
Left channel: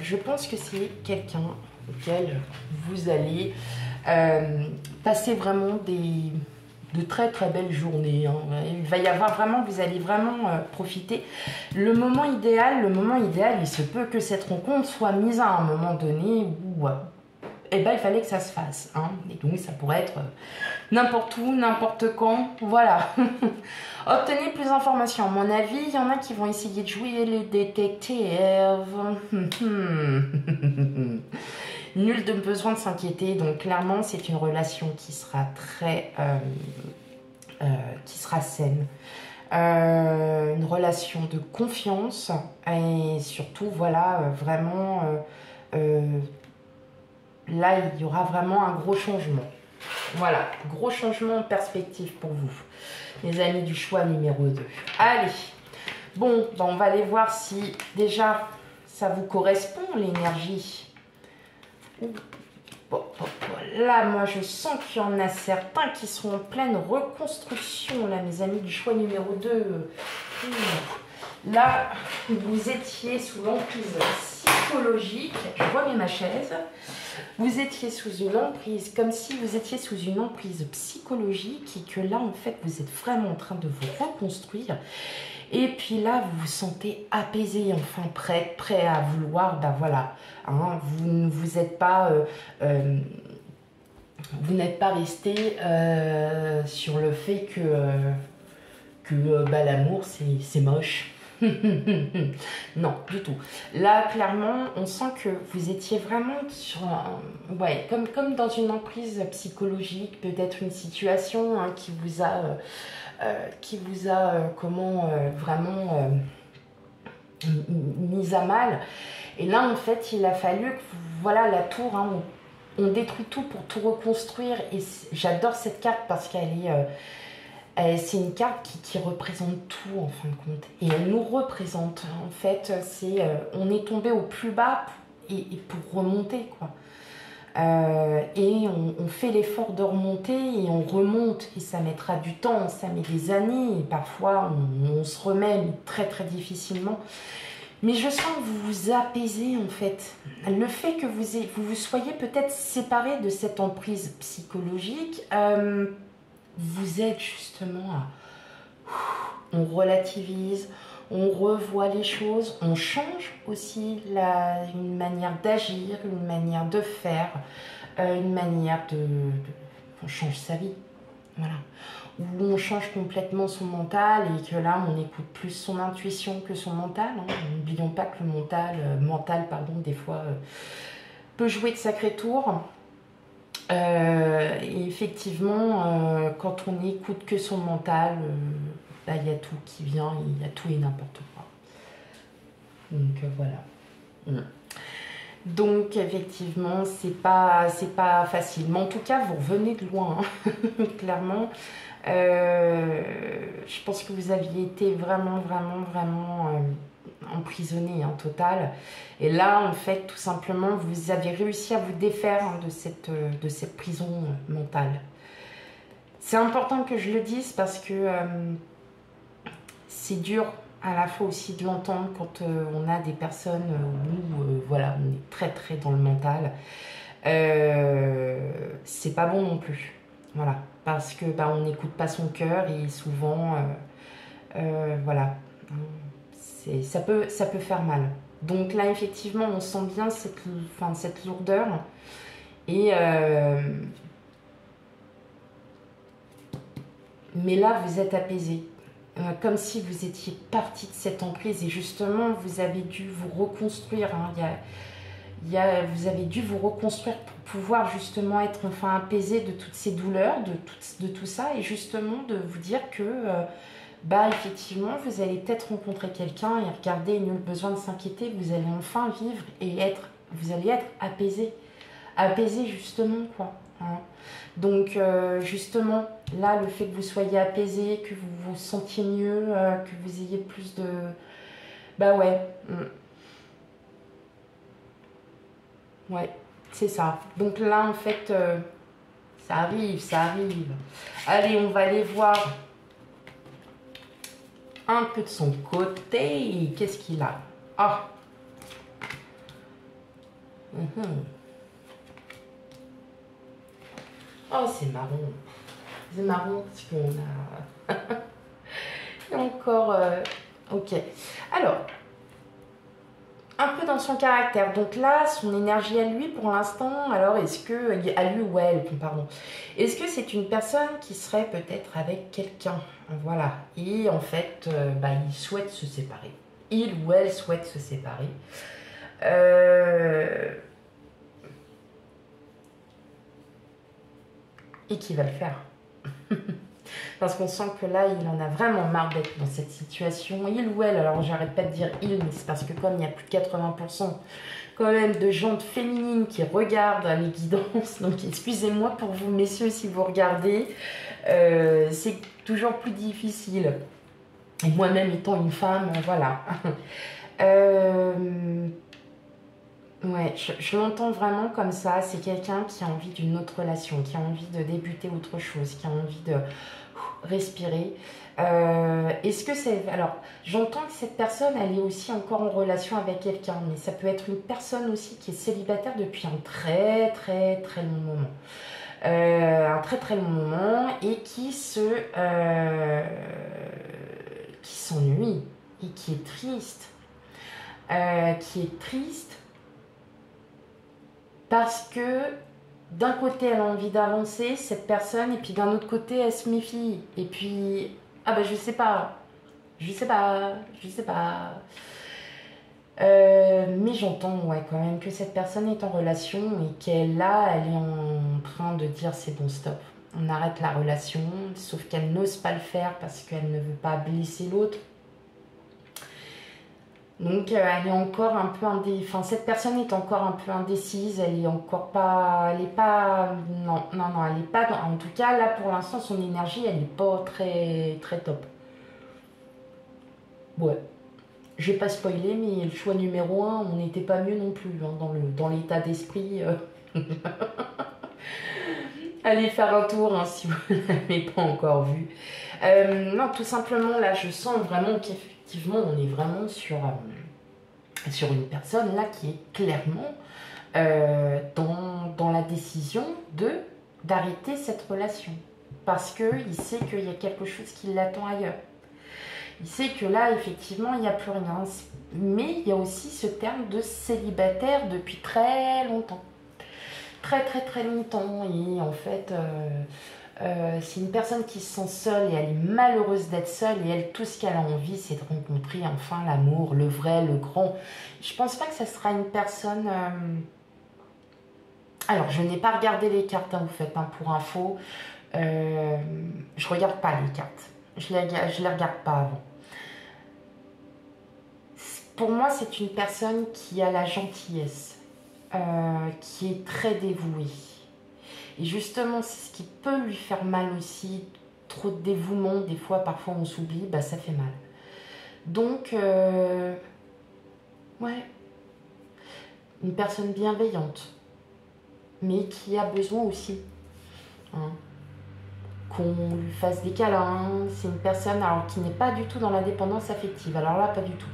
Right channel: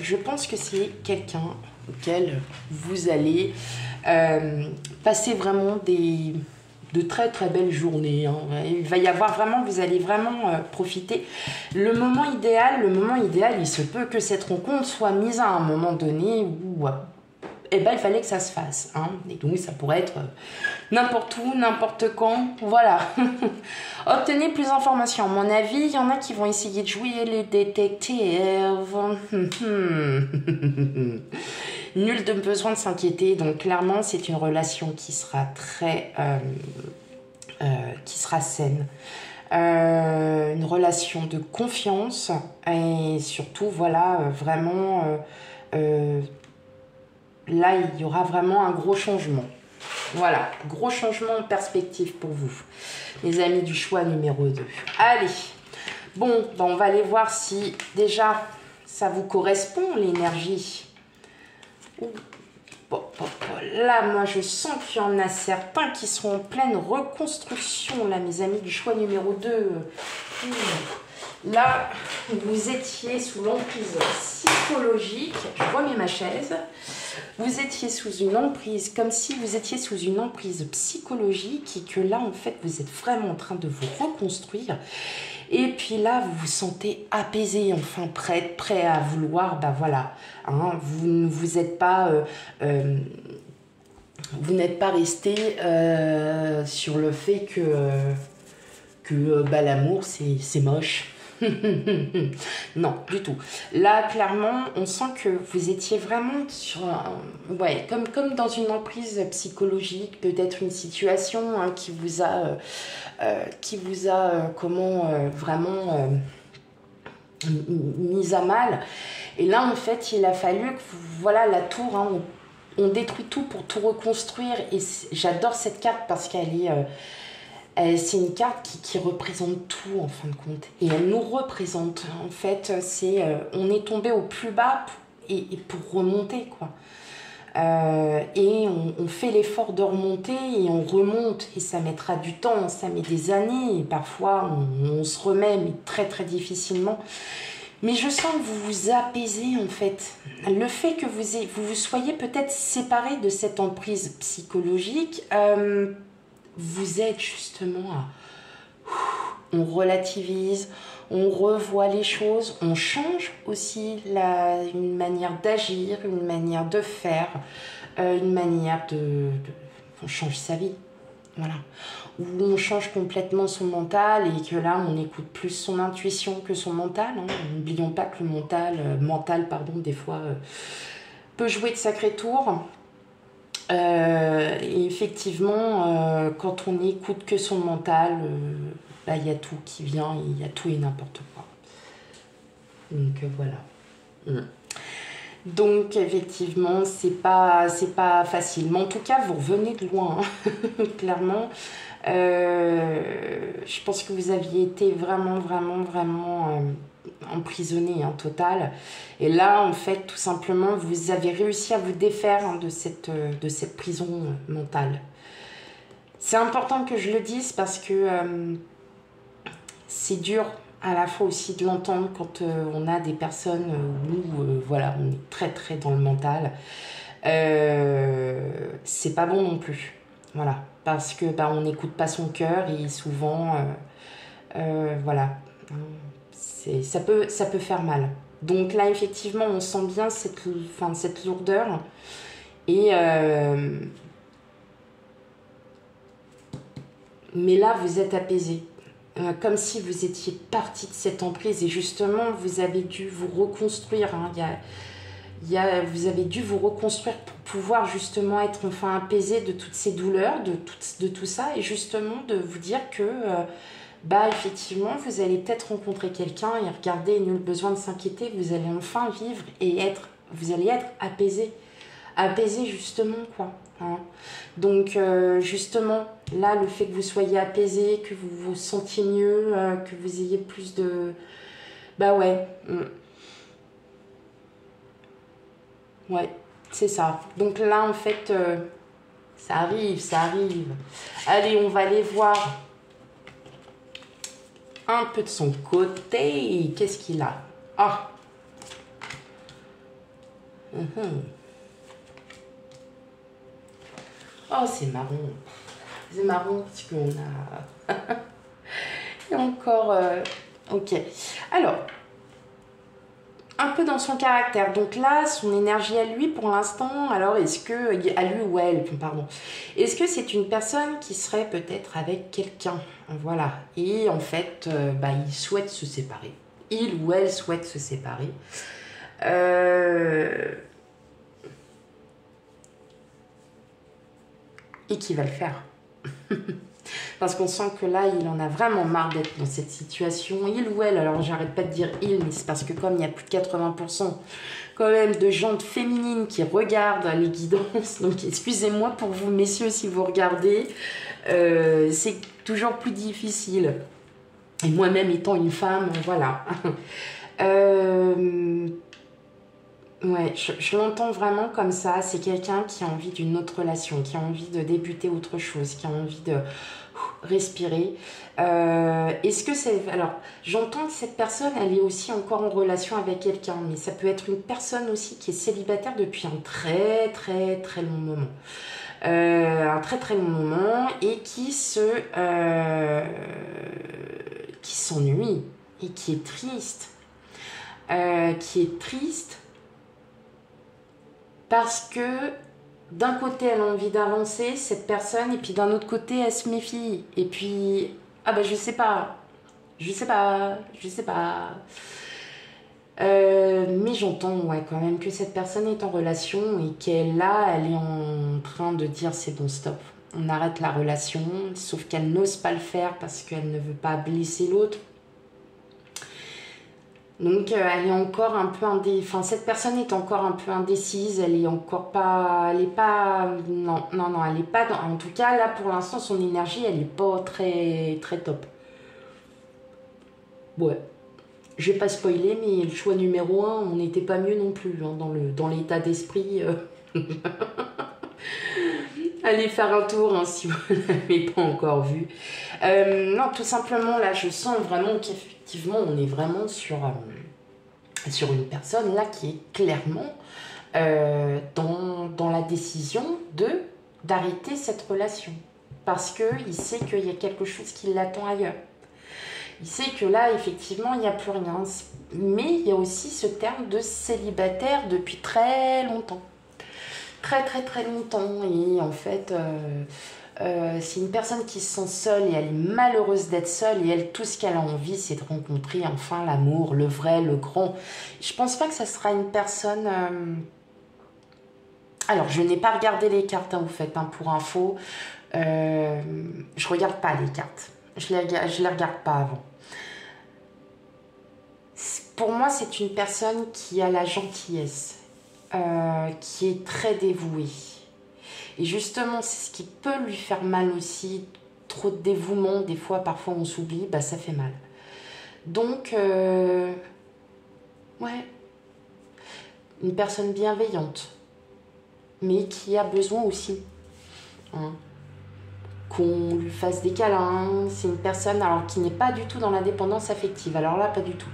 Je pense que c'est quelqu'un auquel vous allez passer vraiment de très très belles journées. Hein. Il va y avoir vraiment, vous allez vraiment profiter. Le moment idéal, il se peut que cette rencontre soit mise à un moment donné où eh ben, il fallait que ça se fasse. Hein. Et donc ça pourrait être n'importe où, n'importe quand. Voilà. Obtenez plus d'informations. À mon avis, il y en a qui vont essayer de jouer les détectives. Nul de besoin de s'inquiéter. Donc clairement, c'est une relation qui sera très... qui sera saine. Une relation de confiance. Et surtout, voilà, vraiment... là, il y aura vraiment un gros changement. Voilà, gros changement en perspective pour vous, les amis du choix numéro 2. Allez, bon, ben on va aller voir si déjà ça vous correspond, l'énergie. Bon, là, moi, je sens qu'il y en a certains qui sont en pleine reconstruction, là, mes amis du choix numéro 2. Là, vous étiez sous l'emprise psychologique. Je remets ma chaise. Vous étiez sous une emprise, comme si vous étiez sous une emprise psychologique et que là, en fait, vous êtes vraiment en train de vous reconstruire. Et puis là, vous vous sentez apaisé, enfin prêt à vouloir, ben voilà, hein, vous n'êtes pas... vous n'êtes pas resté sur le fait que bah, l'amour, c'est moche. Non, du tout. Là, clairement, on sent que vous étiez vraiment sur un... Ouais, comme dans une emprise psychologique, peut-être une situation hein, qui vous a vraiment mise à mal. Et là, en fait, il a fallu que, voilà, la tour, hein, on détruit tout pour tout reconstruire. Et j'adore cette carte parce qu'elle est... c'est une carte qui représente tout en fin de compte. Et elle nous représente. En fait, on est tombé au plus bas et pour remonter, quoi. Et on fait l'effort de remonter et on remonte. Et ça mettra du temps, ça met des années. Et parfois, on se remet mais très très difficilement. Mais je sens que vous vous apaisez en fait. Le fait que vous soyez peut-être séparés de cette emprise psychologique... vous êtes justement on relativise, on revoit les choses, on change aussi une manière d'agir, une manière de faire, une manière on change sa vie, voilà. Où on change complètement son mental et que là on écoute plus son intuition que son mental. Hein. N'oublions pas que le mental, des fois peut jouer de sacrés tours. Et effectivement, quand on n'écoute que son mental, il y a tout qui vient, il y a tout et n'importe quoi. Donc voilà. Donc effectivement, c'est pas facile. Mais en tout cas, vous revenez de loin, hein. Clairement. Je pense que vous aviez été vraiment emprisonné en total. Et là, en fait, tout simplement, vous avez réussi à vous défaire hein, de cette prison mentale. C'est important que je le dise parce que c'est dur à la fois aussi de l'entendre quand on a des personnes où voilà, on est très très dans le mental. C'est pas bon non plus. Voilà, parce que on n'écoute pas son cœur et souvent, voilà, ça peut faire mal. Donc là, effectivement, on sent bien cette lourdeur. Et mais là, vous êtes apaisé. Comme si vous étiez parti de cette emprise. Et justement, vous avez dû vous reconstruire. Hein. Vous avez dû vous reconstruire pour pouvoir justement être enfin apaisé de toutes ces douleurs, de tout ça. Et justement, de vous dire que... bah effectivement, vous allez peut-être rencontrer quelqu'un et regardez, nul besoin de s'inquiéter, vous allez enfin vivre et vous allez être apaisé. Apaisé justement, quoi. Hein. Donc justement, là, le fait que vous soyez apaisé, que vous vous sentiez mieux, que vous ayez plus de... Bah ouais. Ouais, c'est ça. Donc là, en fait, ça arrive, ça arrive. Allez, on va aller voir un peu de son côté. Qu'est-ce qu'il a? Ah. Oh, c'est marrant. C'est marrant parce qu'on a... Et encore... Ok. Alors, un peu dans son caractère. Donc là, son énergie à lui, pour l'instant, alors est-ce que... À lui ou à elle, pardon. Est-ce que c'est une personne qui serait peut-être avec quelqu'un? Voilà. Et en fait, bah, il souhaite se séparer. Il ou elle souhaite se séparer. Et qui va le faire. Parce qu'on sent que là, il en a vraiment marre d'être dans cette situation. Il ou elle, alors j'arrête pas de dire il, mais c'est parce que comme il y a plus de 80% quand même de gens féminines qui regardent les guidances, donc excusez-moi pour vous messieurs si vous regardez, c'est toujours plus difficile. Et moi-même étant une femme, voilà. Ouais, je l'entends vraiment comme ça. C'est quelqu'un qui a envie d'une autre relation, qui a envie de débuter autre chose, qui a envie de respirer. Est-ce que c'est... Alors, j'entends que cette personne, elle est aussi encore en relation avec quelqu'un, mais ça peut être une personne aussi qui est célibataire depuis un très, très, très long moment. Un très, très long moment et qui s'ennuie et qui est triste. Parce que d'un côté elle a envie d'avancer, cette personne, et puis d'un autre côté elle se méfie. Et puis, ah ben je sais pas. Mais j'entends ouais, quand même que cette personne est en relation et qu'elle là, elle est en train de dire c'est bon stop. On arrête la relation, sauf qu'elle n'ose pas le faire parce qu'elle ne veut pas blesser l'autre. Donc elle est encore un peu enfin cette personne est encore un peu indécise, elle est encore pas, elle est pas, non, elle est pas, en tout cas là pour l'instant son énergie elle est pas très très top. Ouais, je vais pas spoiler mais le choix numéro 1, on n'était pas mieux non plus hein, dans l'état d'esprit. Allez faire un tour hein, si vous ne l'avez pas encore vu. Non, tout simplement là je sens vraiment qu'effectivement on est vraiment sur une personne là qui est clairement dans la décision d'arrêter cette relation. Parce qu'il sait qu'il y a quelque chose qui l'attend ailleurs. Il sait que là, effectivement, il n'y a plus rien. Mais il y a aussi ce terme de célibataire depuis très longtemps. Très, très, très longtemps. Et en fait... c'est une personne qui se sent seule et elle est malheureuse d'être seule et elle, tout ce qu'elle a envie, c'est de rencontrer enfin l'amour, le vrai, le grand. Je pense pas que ça sera une personne... Alors, je n'ai pas regardé les cartes, hein, vous faites, hein, pour info. Je regarde pas les cartes. Je les regarde pas avant. Pour moi, c'est une personne qui a la gentillesse, qui est très dévouée. Et justement, c'est ce qui peut lui faire mal aussi. Trop de dévouement, des fois, parfois on s'oublie, bah ça fait mal. Donc, ouais, une personne bienveillante, mais qui a besoin aussi hein, qu'on lui fasse des câlins. C'est une personne alors, qui n'est pas du tout dans la dépendance affective. Alors là, pas du tout.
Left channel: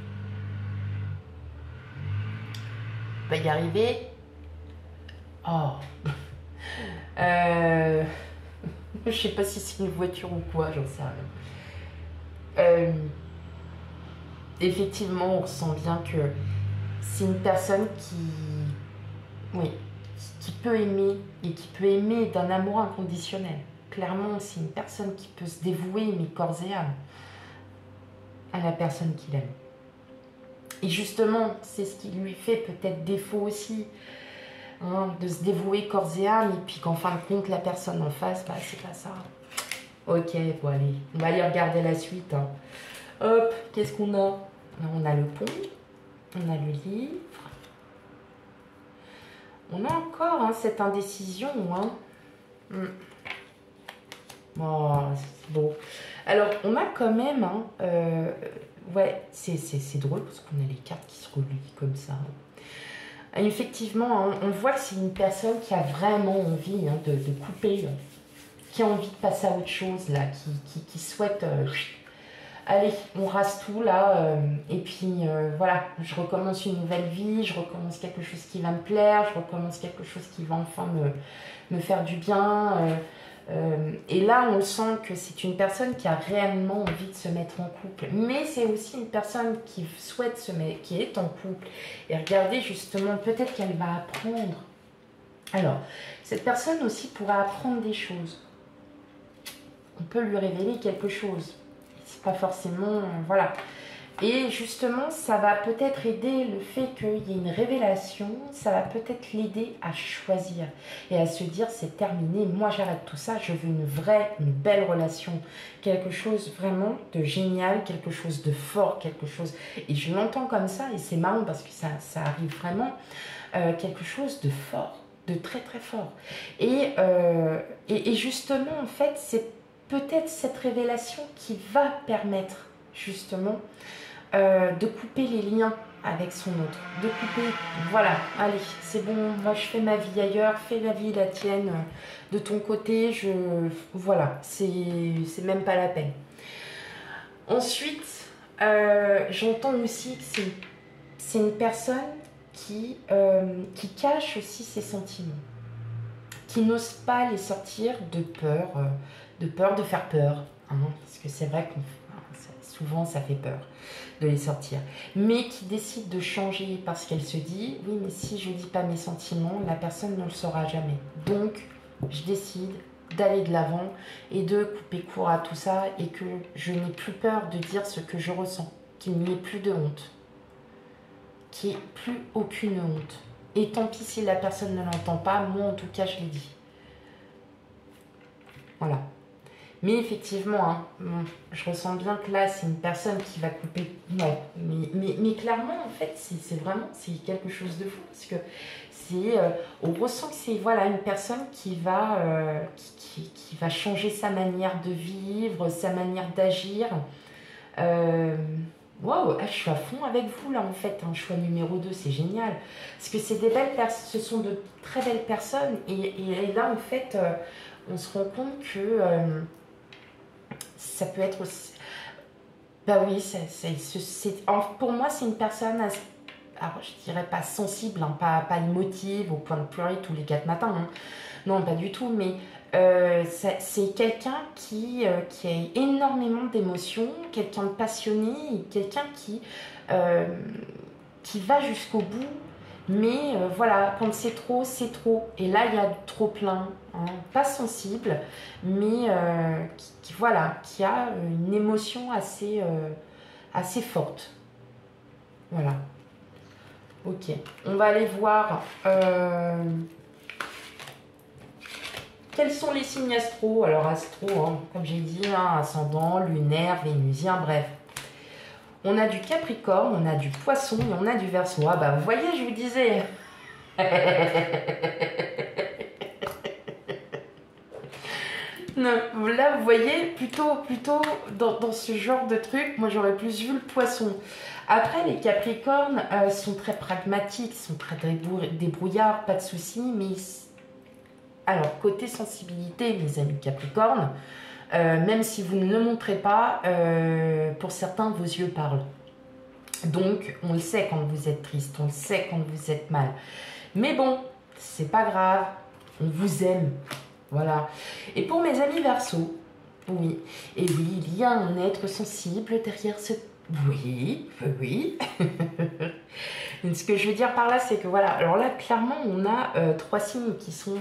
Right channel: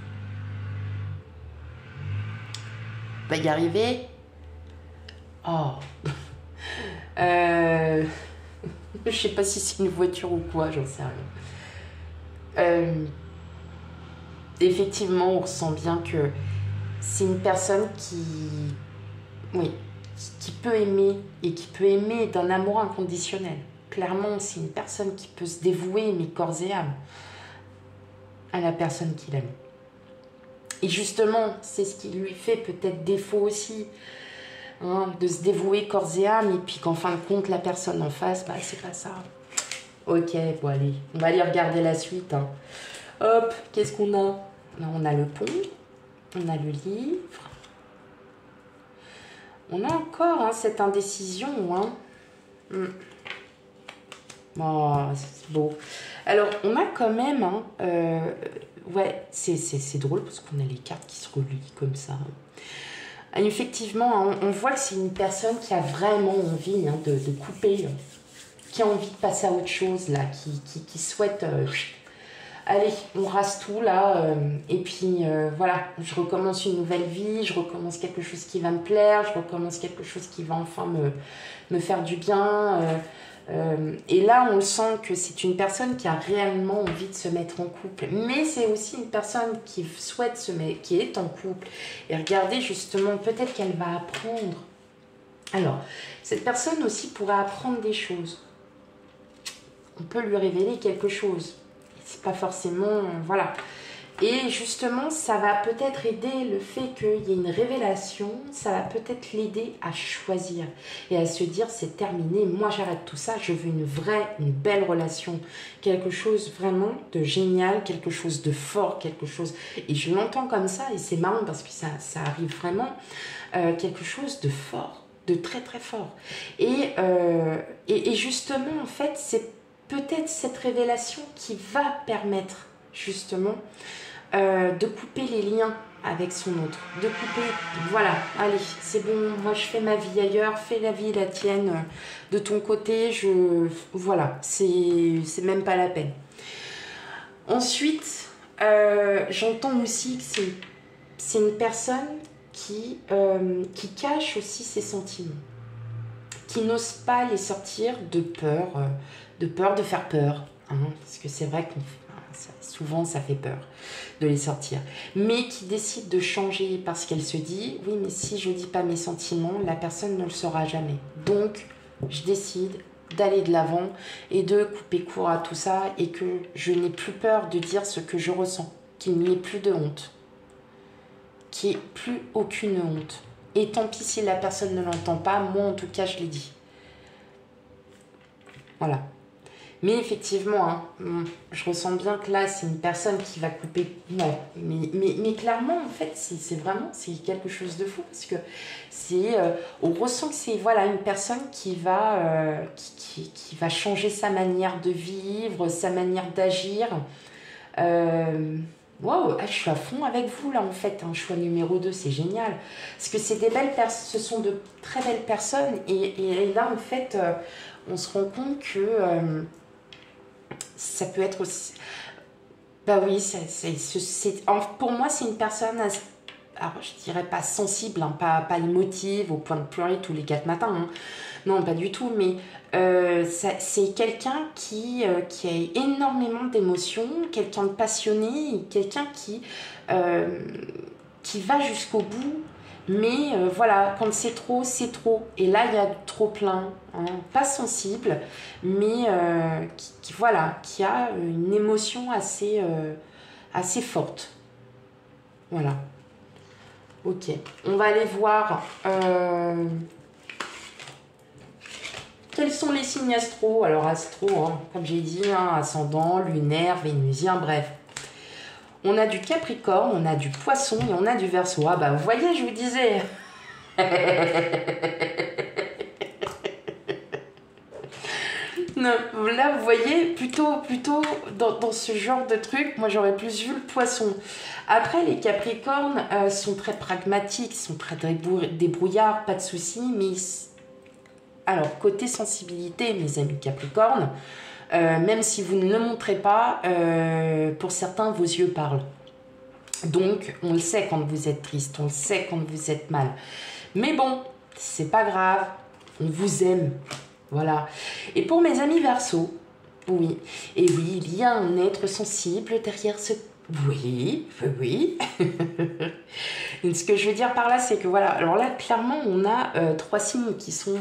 On va y arriver. Oh je sais pas si c'est une voiture ou quoi, j'en sais rien. Effectivement, on ressent bien que c'est une personne oui, qui peut aimer et qui peut aimer d'un amour inconditionnel. Clairement, c'est une personne qui peut se dévouer, mais corps et âme, à la personne qu'il aime. Et justement, c'est ce qui lui fait peut-être défaut aussi, hein, de se dévouer corps et âme, et puis qu'en fin de compte, la personne en face, bah, c'est pas ça. Ok, bon allez, on va aller regarder la suite. Hein. Hop, qu'est-ce qu'on a? On a le pont, on a le livre. On a encore hein, cette indécision. Hein. Oh, c'est beau. Alors, on a quand même... Hein, ouais, c'est drôle parce qu'on a les cartes qui se relient comme ça. Effectivement, hein, on voit que c'est une personne qui a vraiment envie hein, de couper, qui a envie de passer à autre chose, là, qui souhaite... allez, on rase tout, là, et puis, voilà, je recommence une nouvelle vie, je recommence quelque chose qui va me plaire, je recommence quelque chose qui va enfin me faire du bien. Et là, on sent que c'est une personne qui a réellement envie de se mettre en couple. Mais c'est aussi une personne qui souhaite qui est en couple. Et regardez, justement, peut-être qu'elle va apprendre. Alors, cette personne aussi pourra apprendre des choses. On peut lui révéler quelque chose. C'est pas forcément... voilà. Et justement, ça va peut-être aider le fait qu'il y ait une révélation, ça va peut-être l'aider à choisir et à se dire c'est terminé, moi j'arrête tout ça, je veux une belle relation, quelque chose vraiment de génial, quelque chose de fort, quelque chose... Et je l'entends comme ça et c'est marrant parce que ça arrive vraiment, quelque chose de fort, de très très fort. Et justement, en fait, c'est peut-être cette révélation qui va permettre justement de couper les liens avec son autre, de couper, voilà, allez, c'est bon, moi je fais ma vie ailleurs, fais la vie la tienne de ton côté, voilà, c'est même pas la peine. Ensuite, j'entends aussi que c'est une personne qui cache aussi ses sentiments, qui n'ose pas les sortir de peur de faire peur, hein, parce que c'est vrai que souvent ça fait peur de les sortir, mais qui décide de changer parce qu'elle se dit oui mais si je dis pas mes sentiments, la personne ne le saura jamais, donc je décide d'aller de l'avant et de couper court à tout ça et que je n'ai plus peur de dire ce que je ressens, qu'il n'y ait plus de honte, qu'il n'y ait plus aucune honte, et tant pis si la personne ne l'entend pas, moi en tout cas je l'ai dit. Voilà. Mais effectivement, hein, je ressens bien que là, c'est une personne qui va couper. Non, mais clairement, en fait, c'est vraiment quelque chose de fou. Parce que on ressent que c'est voilà, une personne qui va changer sa manière de vivre, sa manière d'agir. Wow, je suis à fond avec vous là en fait, hein, choix numéro 2, c'est génial. Parce que c'est des belles personnes, ce sont de très belles personnes. Et là, en fait, on se rend compte que... ça peut être aussi... Bah oui, pour moi, c'est une personne, alors je dirais pas sensible, hein, pas émotive, au point de pleurer tous les 4 matins. Hein. Non, pas du tout, mais c'est quelqu'un qui a énormément d'émotions, quelqu'un de passionné, quelqu'un qui va jusqu'au bout. Mais voilà, quand c'est trop, c'est trop. Et là, il y a trop plein. Hein, pas sensible, mais qui a une émotion assez forte. Voilà. Ok. On va aller voir quels sont les signes astro. Alors, astro, hein, comme j'ai dit, hein, ascendant, lunaire, vénusien, bref. On a du Capricorne, on a du Poisson et on a du Verseau. Ah bah vous voyez, je vous disais. Non, là, vous voyez, plutôt dans ce genre de truc, moi j'aurais plus vu le Poisson. Après, les Capricornes sont très pragmatiques, sont très débrouillards, pas de soucis, mais... Alors, côté sensibilité, mes amis Capricornes, même si vous ne le montrez pas, pour certains, vos yeux parlent. Donc, on le sait quand vous êtes triste, on le sait quand vous êtes mal. Mais bon, c'est pas grave, on vous aime. Voilà. Et pour mes amis Verseaux, oui, et oui, il y a un être sensible derrière Oui, oui. Donc, ce que je veux dire par là, c'est que voilà, alors là, clairement, on a trois signes qui sont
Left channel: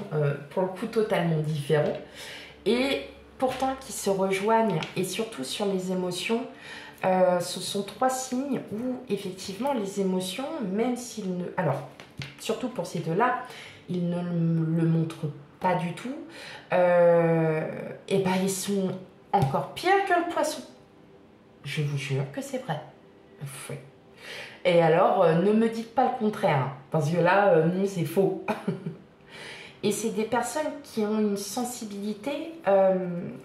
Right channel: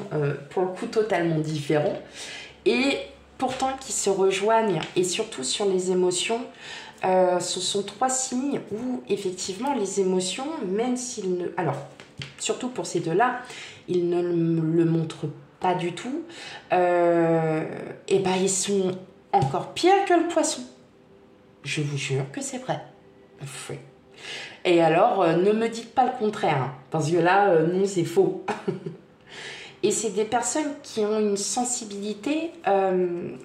pour le coup totalement différents et pourtant qui se rejoignent, et surtout sur les émotions. Ce sont trois signes où effectivement les émotions, même s'ils ne... Alors, surtout pour ces deux-là, ils ne le montrent pas du tout. Et ben ils sont encore pires que le poisson. Je vous jure que c'est vrai. Oui. Et alors, ne me dites pas le contraire, hein, parce que là, non, c'est faux. Et c'est des personnes qui ont une sensibilité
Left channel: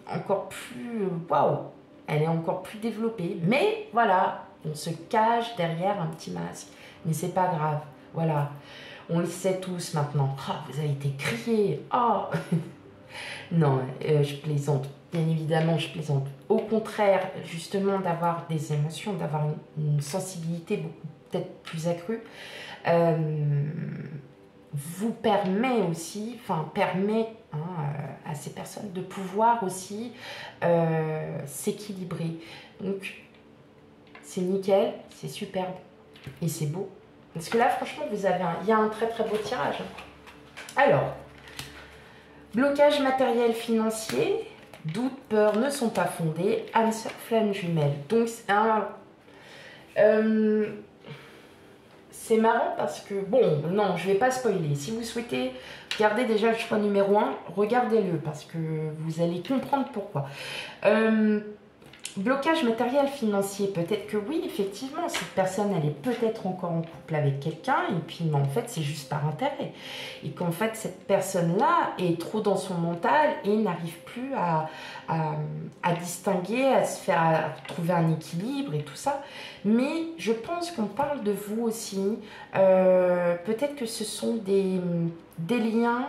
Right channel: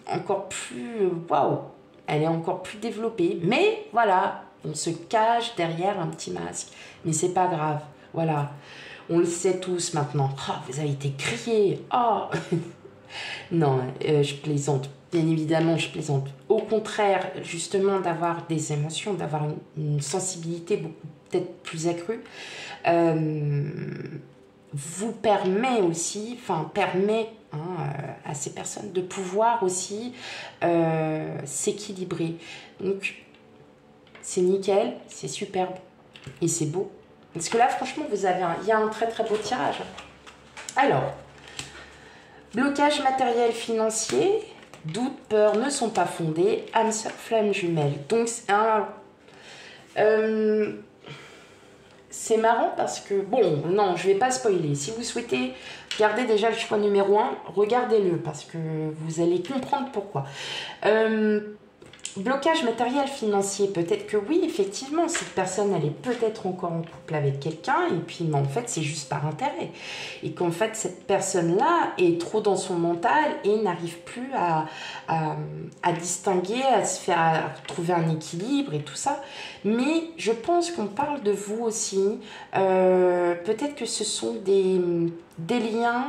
encore plus... Waouh, elle est encore plus développée. Mais voilà, on se cache derrière un petit masque. Mais c'est pas grave. Voilà, on le sait tous maintenant. Oh, vous avez été grillés. Oh. Non, je plaisante. Bien évidemment, je plaisante. Au contraire, justement, d'avoir des émotions, d'avoir une sensibilité peut-être plus accrue, euh, vous permet aussi, enfin, permet hein, à ces personnes de pouvoir aussi s'équilibrer. Donc, c'est nickel, c'est superbe et c'est beau. Parce que là, franchement, il y a un très très beau tirage. Alors, blocage matériel financier, doute, peur ne sont pas fondés, âme sœur, flamme jumelle. Donc c'est marrant parce que, bon, non, je ne vais pas spoiler. Si vous souhaitez garder déjà le choix numéro 1, regardez-le parce que vous allez comprendre pourquoi. Blocage matériel financier, peut-être que oui, effectivement, cette personne, elle est peut-être encore en couple avec quelqu'un, et puis mais en fait, c'est juste par intérêt. Et qu'en fait, cette personne-là est trop dans son mental et n'arrive plus à distinguer, à trouver un équilibre et tout ça. Mais je pense qu'on parle de vous aussi. Peut-être que ce sont des liens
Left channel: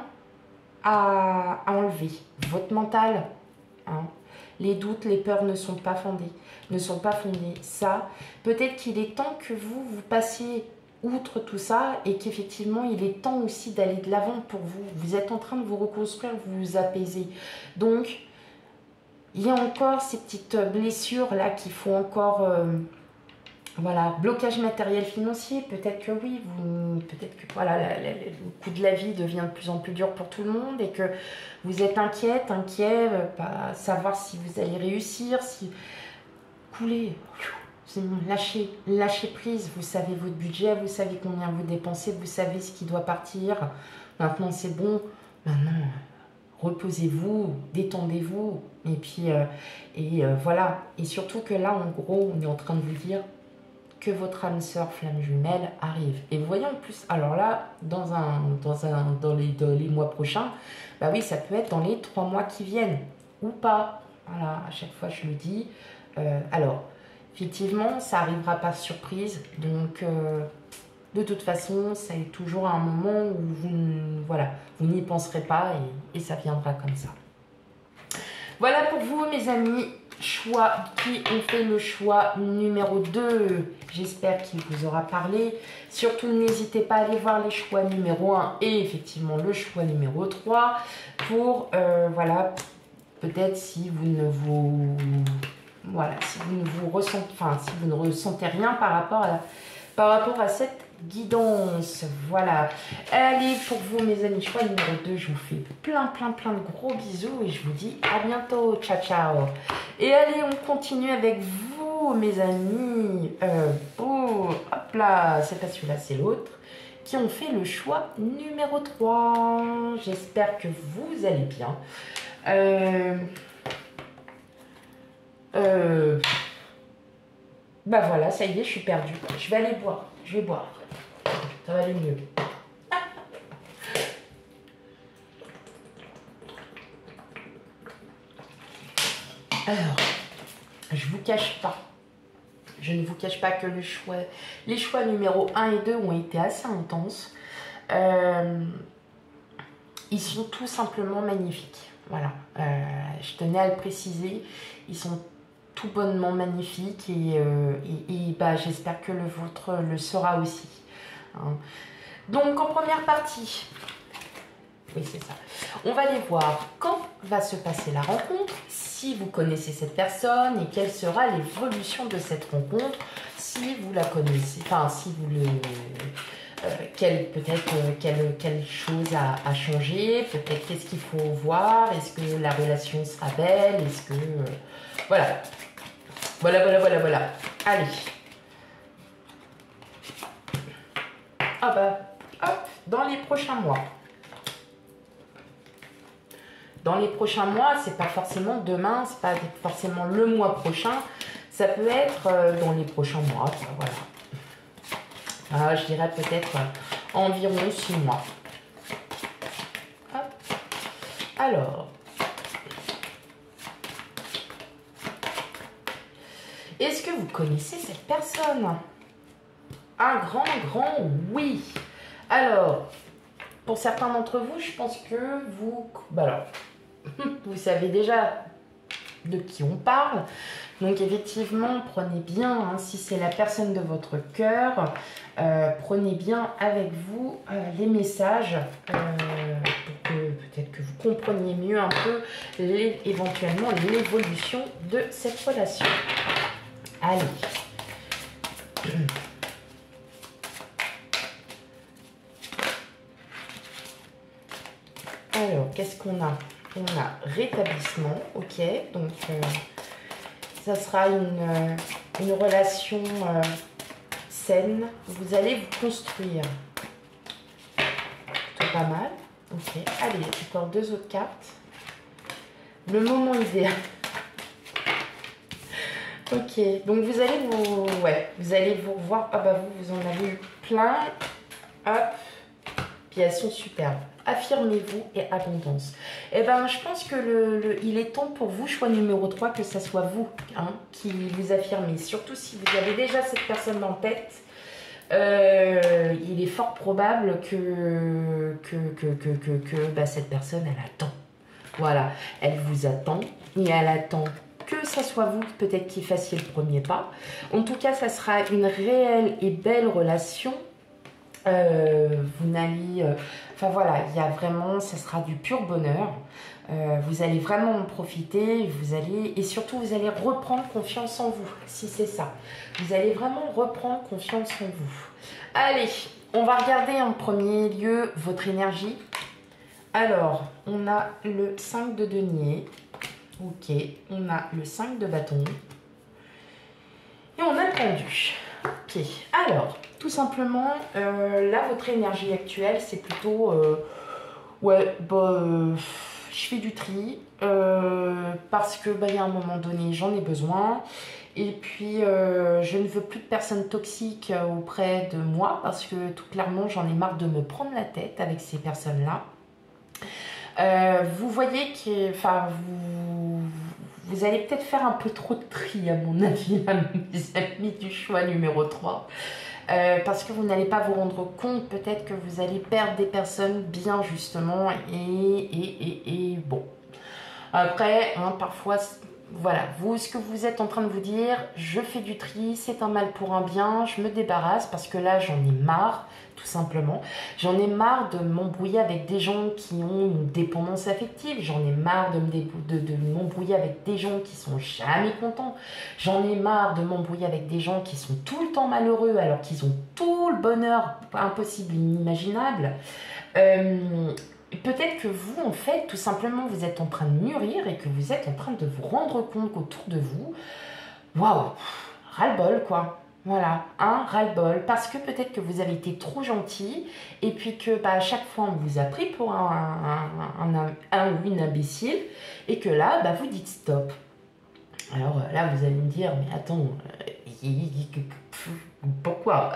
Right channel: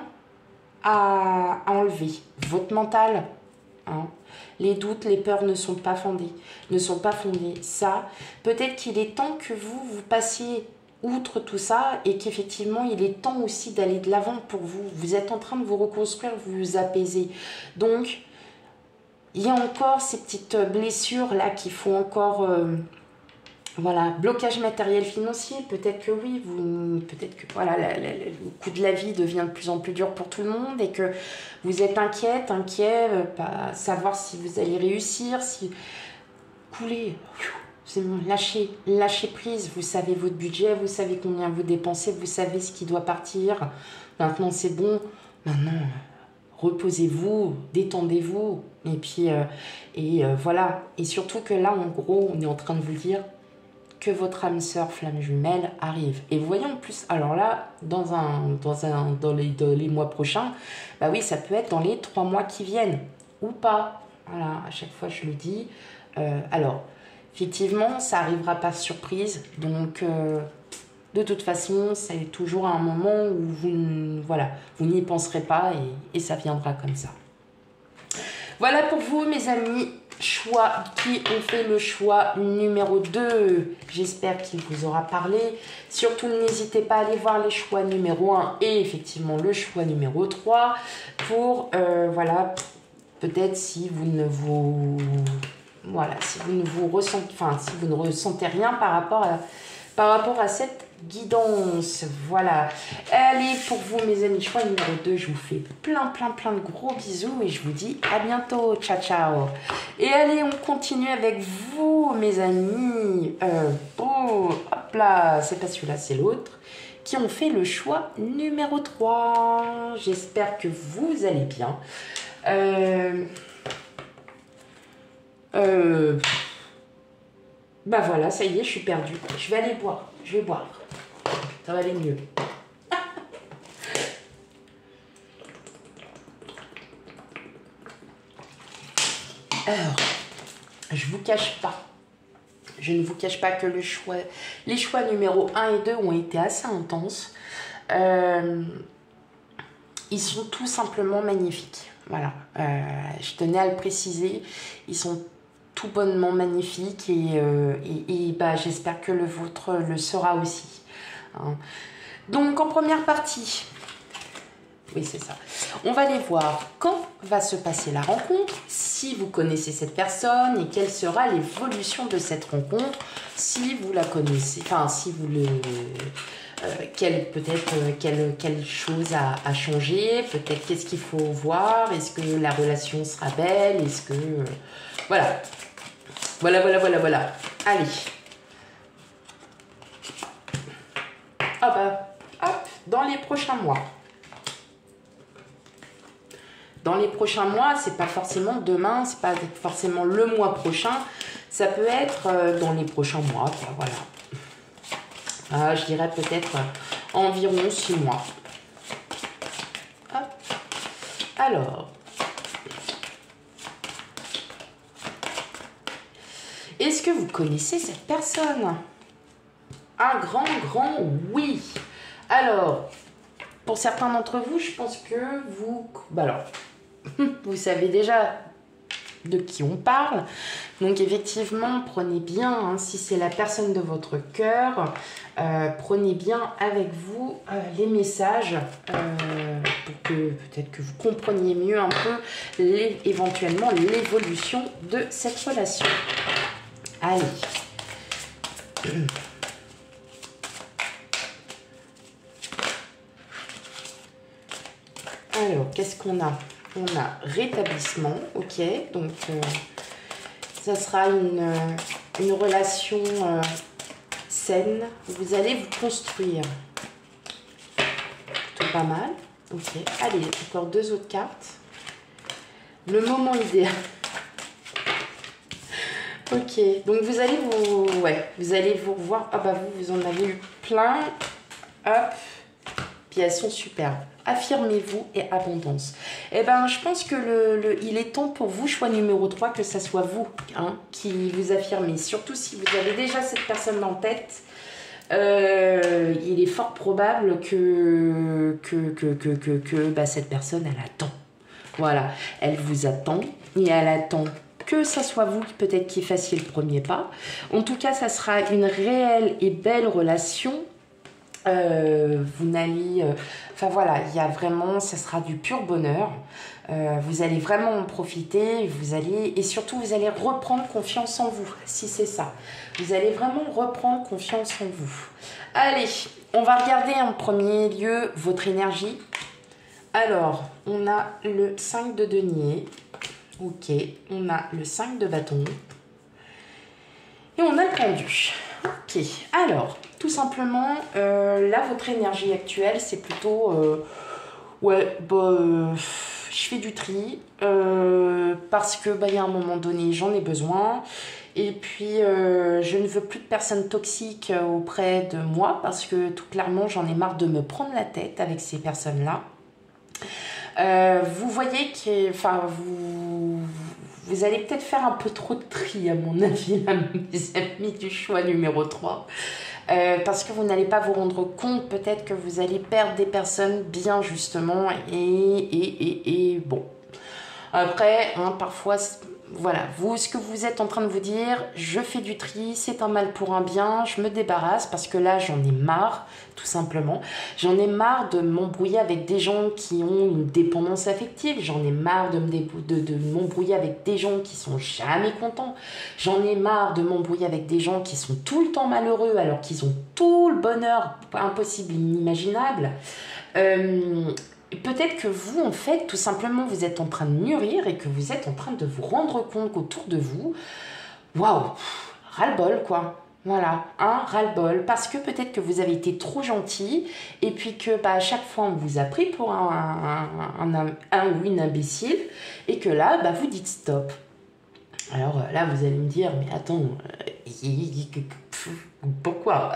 à enlever. Votre mental, hein. Les doutes, les peurs ne sont pas fondés. Ça, peut-être qu'il est temps que vous passiez outre tout ça et qu'effectivement, il est temps aussi d'aller de l'avant pour vous. Vous êtes en train de vous reconstruire, vous apaiser. Donc, il y a encore ces petites blessures-là qu'il faut encore... voilà, blocage matériel financier, peut-être que oui, peut-être que voilà, le coût de la vie devient de plus en plus dur pour tout le monde et que vous êtes inquiet, pas savoir si vous allez réussir, si coulez, lâchez prise, vous savez votre budget, vous savez combien vous dépensez, vous savez ce qui doit partir, maintenant c'est bon, maintenant reposez-vous, détendez-vous, et puis voilà, et surtout que là en gros on est en train de vous dire que votre âme sœur flamme jumelle arrive. Et vous voyez en plus, alors là, dans les mois prochains, bah oui, ça peut être dans les 3 mois qui viennent, ou pas. Voilà, à chaque fois je le dis. Alors, effectivement, ça arrivera par surprise, donc de toute façon, c'est toujours un moment où vous n'y penserez pas et ça viendra comme ça. Voilà pour vous, mes amis, choix qui ont fait le choix numéro 2. J'espère qu'il vous aura parlé. Surtout, n'hésitez pas à aller voir les choix numéro 1 et effectivement le choix numéro 3 pour, voilà, peut-être si vous ne vous... Voilà, si vous ne vous ressentez, enfin, si vous ne ressentez rien par rapport à cette guidance. Voilà. Allez, pour vous, mes amis, choix numéro 2, je vous fais plein de gros bisous et je vous dis à bientôt. Ciao, ciao. Et allez, on continue avec vous, mes amis. Hop là, c'est pas celui-là, c'est l'autre. Qui ont fait le choix numéro 3. J'espère que vous allez bien. Bah voilà, ça y est, je suis perdue. Je vais aller boire. Je vais boire. Ça va aller mieux. Alors, je ne vous cache pas que les choix numéro 1 et 2 ont été assez intenses. Ils sont tout simplement magnifiques. Voilà, je tenais à le préciser. Ils sont tout bonnement magnifiques et bah, j'espère que le vôtre le sera aussi. Hein. Donc, en première partie, Oui, c'est ça. On va aller voir quand va se passer la rencontre, si vous connaissez cette personne et quelle sera l'évolution de cette rencontre, si vous la connaissez, enfin, si vous le... peut-être quelle chose a changé, peut-être qu'est-ce qu'il faut voir, est-ce que la relation sera belle, est-ce que... voilà. Voilà. Allez. Ah bah, hop, dans les prochains mois. Dans les prochains mois, c'est pas forcément demain, c'est pas forcément le mois prochain, ça peut être dans les prochains mois, quoi, voilà. Je dirais peut-être environ 6 mois. Hop. Alors, est-ce que vous connaissez cette personne? Un grand oui. Alors, pour certains d'entre vous, je pense que vous... Bah alors, vous savez déjà de qui on parle. Donc effectivement, prenez bien, hein, si c'est la personne de votre cœur, prenez bien avec vous les messages pour que peut-être que vous compreniez mieux un peu éventuellement l'évolution de cette relation. Allez. Alors, qu'est-ce qu'on a? On a rétablissement, ok. Donc, ça sera une relation saine. Vous allez vous construire. Plutôt pas mal. Ok. Allez, encore 2 autres cartes. Le moment idéal. Ok. Donc, vous allez vous allez vous revoir. Ah bah vous en avez eu plein. Hop. Puis elles sont superbes. Affirmez-vous et abondance. Eh bien, je pense que il est temps pour vous, choix numéro 3, que ça soit vous qui vous affirmez. Surtout si vous avez déjà cette personne en tête, il est fort probable que cette personne, elle attend. Voilà, elle vous attend et elle attend que ça soit vous peut-être qui fassiez le premier pas. En tout cas, ça sera une réelle et belle relation. Vous n'allez... Enfin voilà, il y a vraiment... Ça sera du pur bonheur. Vous allez vraiment en profiter. Et surtout, vous allez reprendre confiance en vous. Si c'est ça. Vous allez vraiment reprendre confiance en vous. Allez, on va regarder en premier lieu votre énergie. Alors, on a le 5 de denier. Ok, on a le 5 de bâton. Et on a le pendu. Ok, alors, tout simplement, là, votre énergie actuelle, c'est plutôt... je fais du tri, parce que, il y a un moment donné, j'en ai besoin. Et puis, je ne veux plus de personnes toxiques auprès de moi, parce que, tout clairement, j'en ai marre de me prendre la tête avec ces personnes-là. Vous voyez que, vous allez peut-être faire un peu trop de tri, à mon avis, là, mes amis du choix numéro 3. Parce que vous n'allez pas vous rendre compte, peut-être que vous allez perdre des personnes bien, justement. Et bon. Après, parfois, voilà, vous, ce que vous êtes en train de vous dire, je fais du tri, c'est un mal pour un bien, je me débarrasse parce que là, j'en ai marre, tout simplement. J'en ai marre de m'embrouiller avec des gens qui ont une dépendance affective. J'en ai marre de m'embrouiller avec des gens qui sont jamais contents. J'en ai marre de m'embrouiller avec des gens qui sont tout le temps malheureux alors qu'ils ont tout le bonheur impossible, inimaginable. Peut-être que vous, en fait, tout simplement, vous êtes en train de mûrir et que vous êtes en train de vous rendre compte qu'autour de vous, waouh, ras-le-bol, quoi. Voilà, ras-le-bol. Parce que peut-être que vous avez été trop gentil et puis que à chaque fois, on vous a pris pour un ou une imbécile et que là, vous dites stop. Alors là, vous allez me dire, mais attends, pourquoi?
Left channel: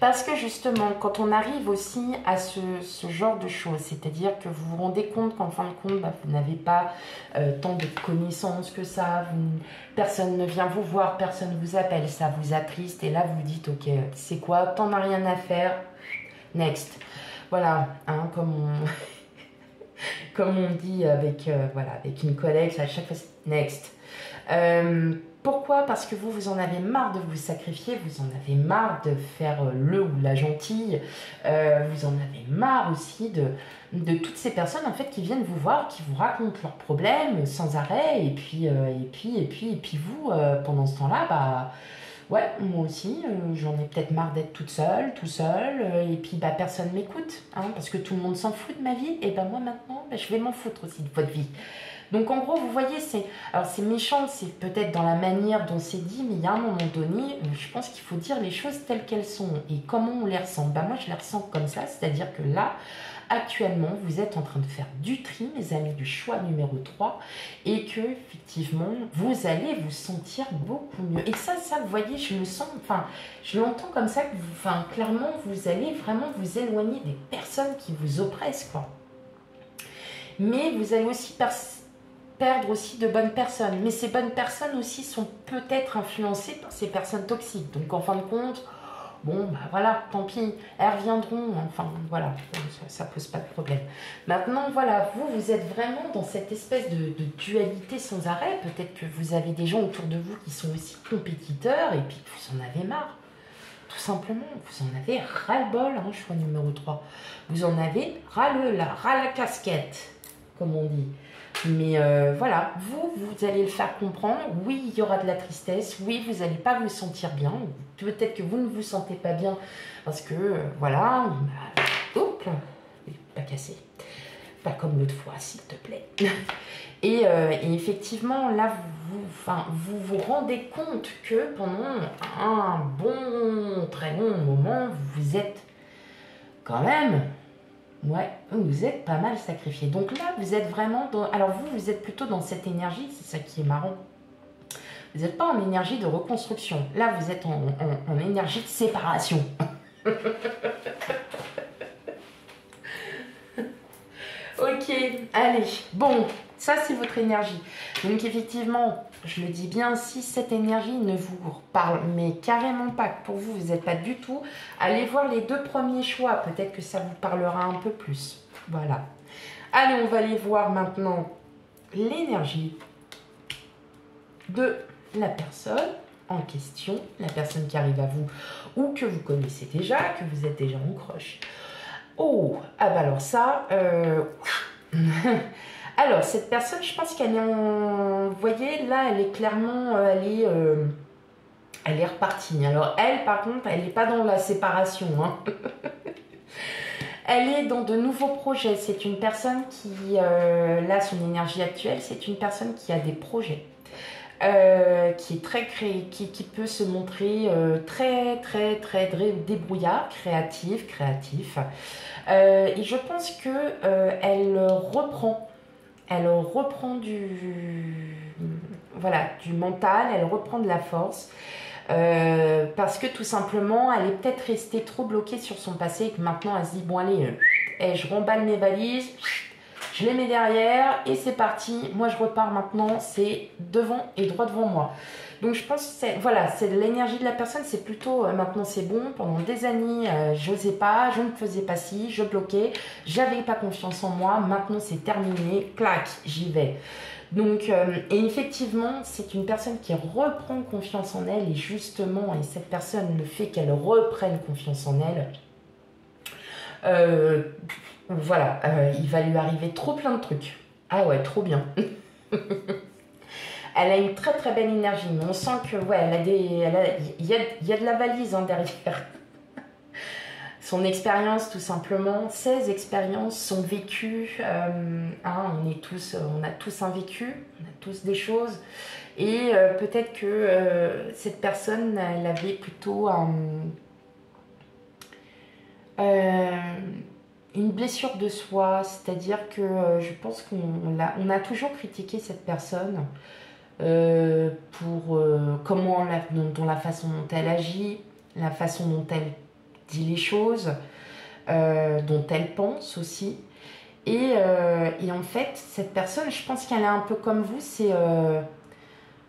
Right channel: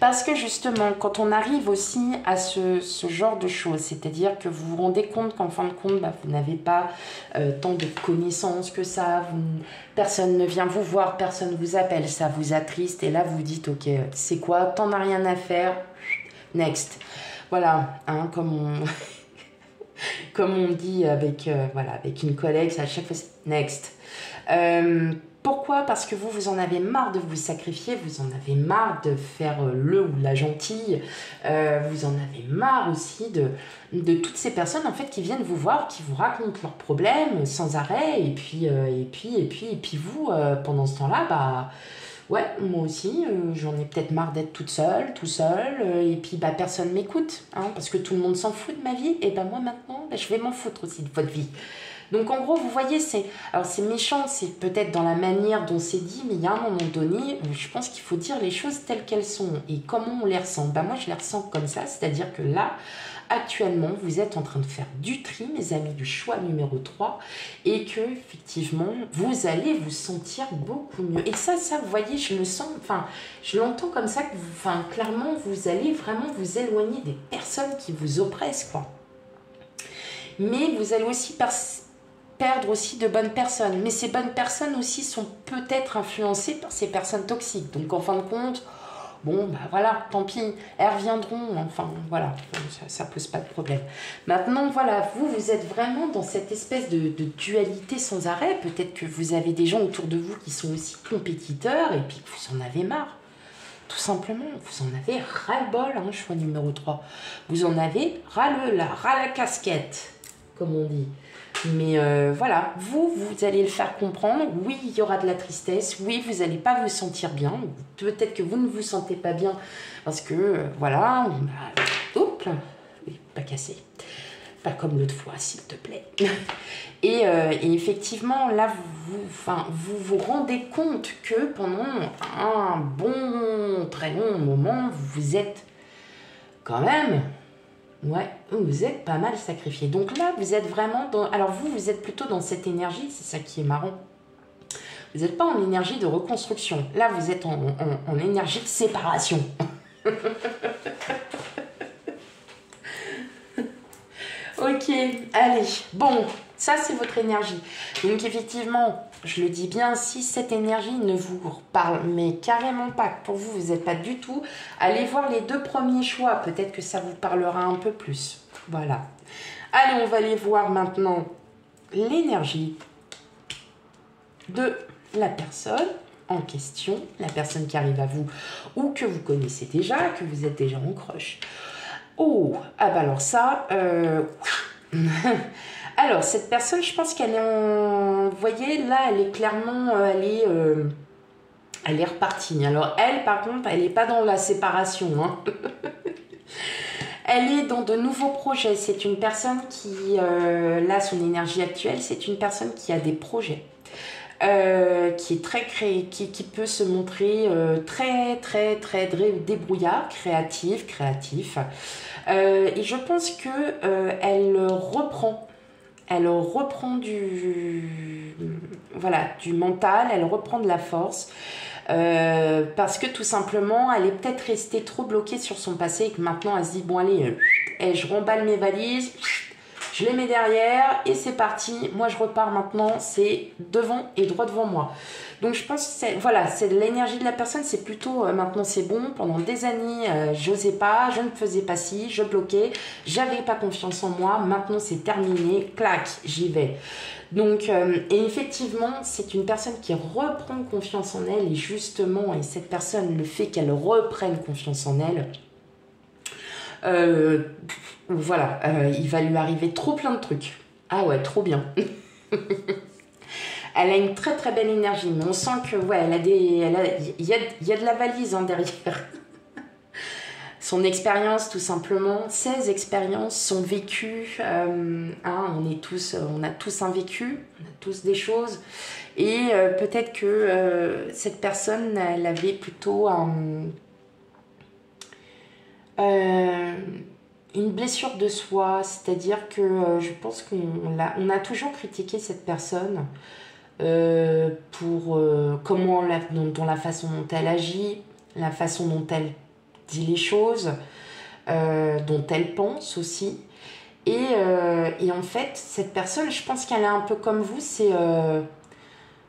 Parce que justement, quand on arrive aussi à ce genre de choses, c'est-à-dire que vous vous rendez compte qu'en fin de compte, vous n'avez pas tant de connaissances que ça, personne ne vient vous voir, personne ne vous appelle, ça vous attriste, et là vous dites, ok, c'est quoi, t'en as rien à faire, next. Voilà, comme on dit avec une collègue, à chaque fois, next. Pourquoi? Parce que vous en avez marre de vous sacrifier, vous en avez marre de faire le ou la gentille, vous en avez marre aussi de toutes ces personnes en fait qui viennent vous voir, qui vous racontent leurs problèmes sans arrêt, et puis vous, pendant ce temps-là, bah ouais, moi aussi, j'en ai peut-être marre d'être toute seule, tout seul, et puis bah personne m'écoute, hein, parce que tout le monde s'en fout de ma vie, et ben moi maintenant, bah, je vais m'en foutre aussi de votre vie. Donc en gros, vous voyez, alors c'est méchant, c'est peut-être dans la manière dont c'est dit, mais il y a un moment donné, je pense qu'il faut dire les choses telles qu'elles sont et comment on les ressent. Ben moi, je les ressens comme ça, c'est-à-dire que là, actuellement, vous êtes en train de faire du tri, mes amis, du choix numéro 3, et que effectivement, vous allez vous sentir beaucoup mieux. Et ça, vous voyez, je le sens, enfin, je l'entends comme ça, que enfin, clairement, vous allez vraiment vous éloigner des personnes qui vous oppressent, quoi. Mais vous allez aussi perdre aussi de bonnes personnes. Mais ces bonnes personnes aussi sont peut-être influencées par ces personnes toxiques. Donc en fin de compte, bon, bah voilà, tant pis, elles reviendront. Enfin, voilà, ça pose pas de problème. Maintenant, voilà, vous êtes vraiment dans cette espèce de dualité sans arrêt. Peut-être que vous avez des gens autour de vous qui sont aussi compétiteurs et puis que vous en avez marre. Tout simplement, vous en avez ras-le-bol, hein, choix numéro 3. Vous en avez ras la casquette, comme on dit. Mais voilà, vous allez le faire comprendre. Oui, il y aura de la tristesse. Oui, vous n'allez pas vous sentir bien. Peut-être que vous ne vous sentez pas bien parce que, voilà, hop, pas cassé. Pas comme l'autre fois, s'il te plaît. Et effectivement, là, vous vous rendez compte que pendant un bon, très long moment, vous êtes quand même... Ouais, vous êtes pas mal sacrifié. Donc là, vous êtes vraiment dans... Alors vous êtes plutôt dans cette énergie, c'est ça qui est marrant. Vous n'êtes pas en énergie de reconstruction. Là, vous êtes en énergie de séparation. Ok, allez. Bon, ça c'est votre énergie. Donc effectivement, je le dis bien, si cette énergie ne vous parle, mais carrément pas, que pour vous, vous n'êtes pas du tout, allez voir les 2 premiers choix. Peut-être que ça vous parlera un peu plus. Voilà. Allez, on va aller voir maintenant l'énergie de la personne en question, la personne qui arrive à vous ou que vous connaissez déjà, que vous êtes déjà en crush. Oh, ah bah alors ça... Alors, cette personne, je pense qu'elle est en... Vous voyez, là, elle est clairement... elle est repartie. Alors, elle, par contre, elle n'est pas dans la séparation. Hein. Elle est dans de nouveaux projets. C'est une personne qui... là, son énergie actuelle, c'est une personne qui a des projets. Qui est très qui peut se montrer très débrouillard, créatif. Et je pense que elle reprend du mental, elle reprend de la force. Parce que tout simplement, elle est peut-être restée trop bloquée sur son passé et que maintenant elle se dit bon allez, je remballe mes valises, je les mets derrière et c'est parti. Moi je repars maintenant, c'est devant et droit devant moi. Donc je pense que c'est l'énergie de la personne, c'est plutôt maintenant c'est bon. Pendant des années, j'osais pas, je ne faisais pas ci, je bloquais, j'avais pas confiance en moi. Maintenant c'est terminé, clac, j'y vais. Donc, et effectivement, c'est une personne qui reprend confiance en elle et justement, et cette personne, le fait qu'elle reprenne confiance en elle, voilà, il va lui arriver trop plein de trucs. Ah ouais, trop bien. Elle a une très belle énergie, mais on sent que ouais, il y a de la valise hein, derrière. Son expérience, tout simplement, ses expériences, son vécu. Hein, on a tous un vécu, on a tous des choses. Et peut-être que cette personne, elle avait plutôt une blessure de soi. C'est-à-dire que je pense on a toujours critiqué cette personne pour dans la façon dont elle agit, la façon dont elle dit les choses, dont elle pense aussi. Et en fait, cette personne, je pense qu'elle est un peu comme vous, c'est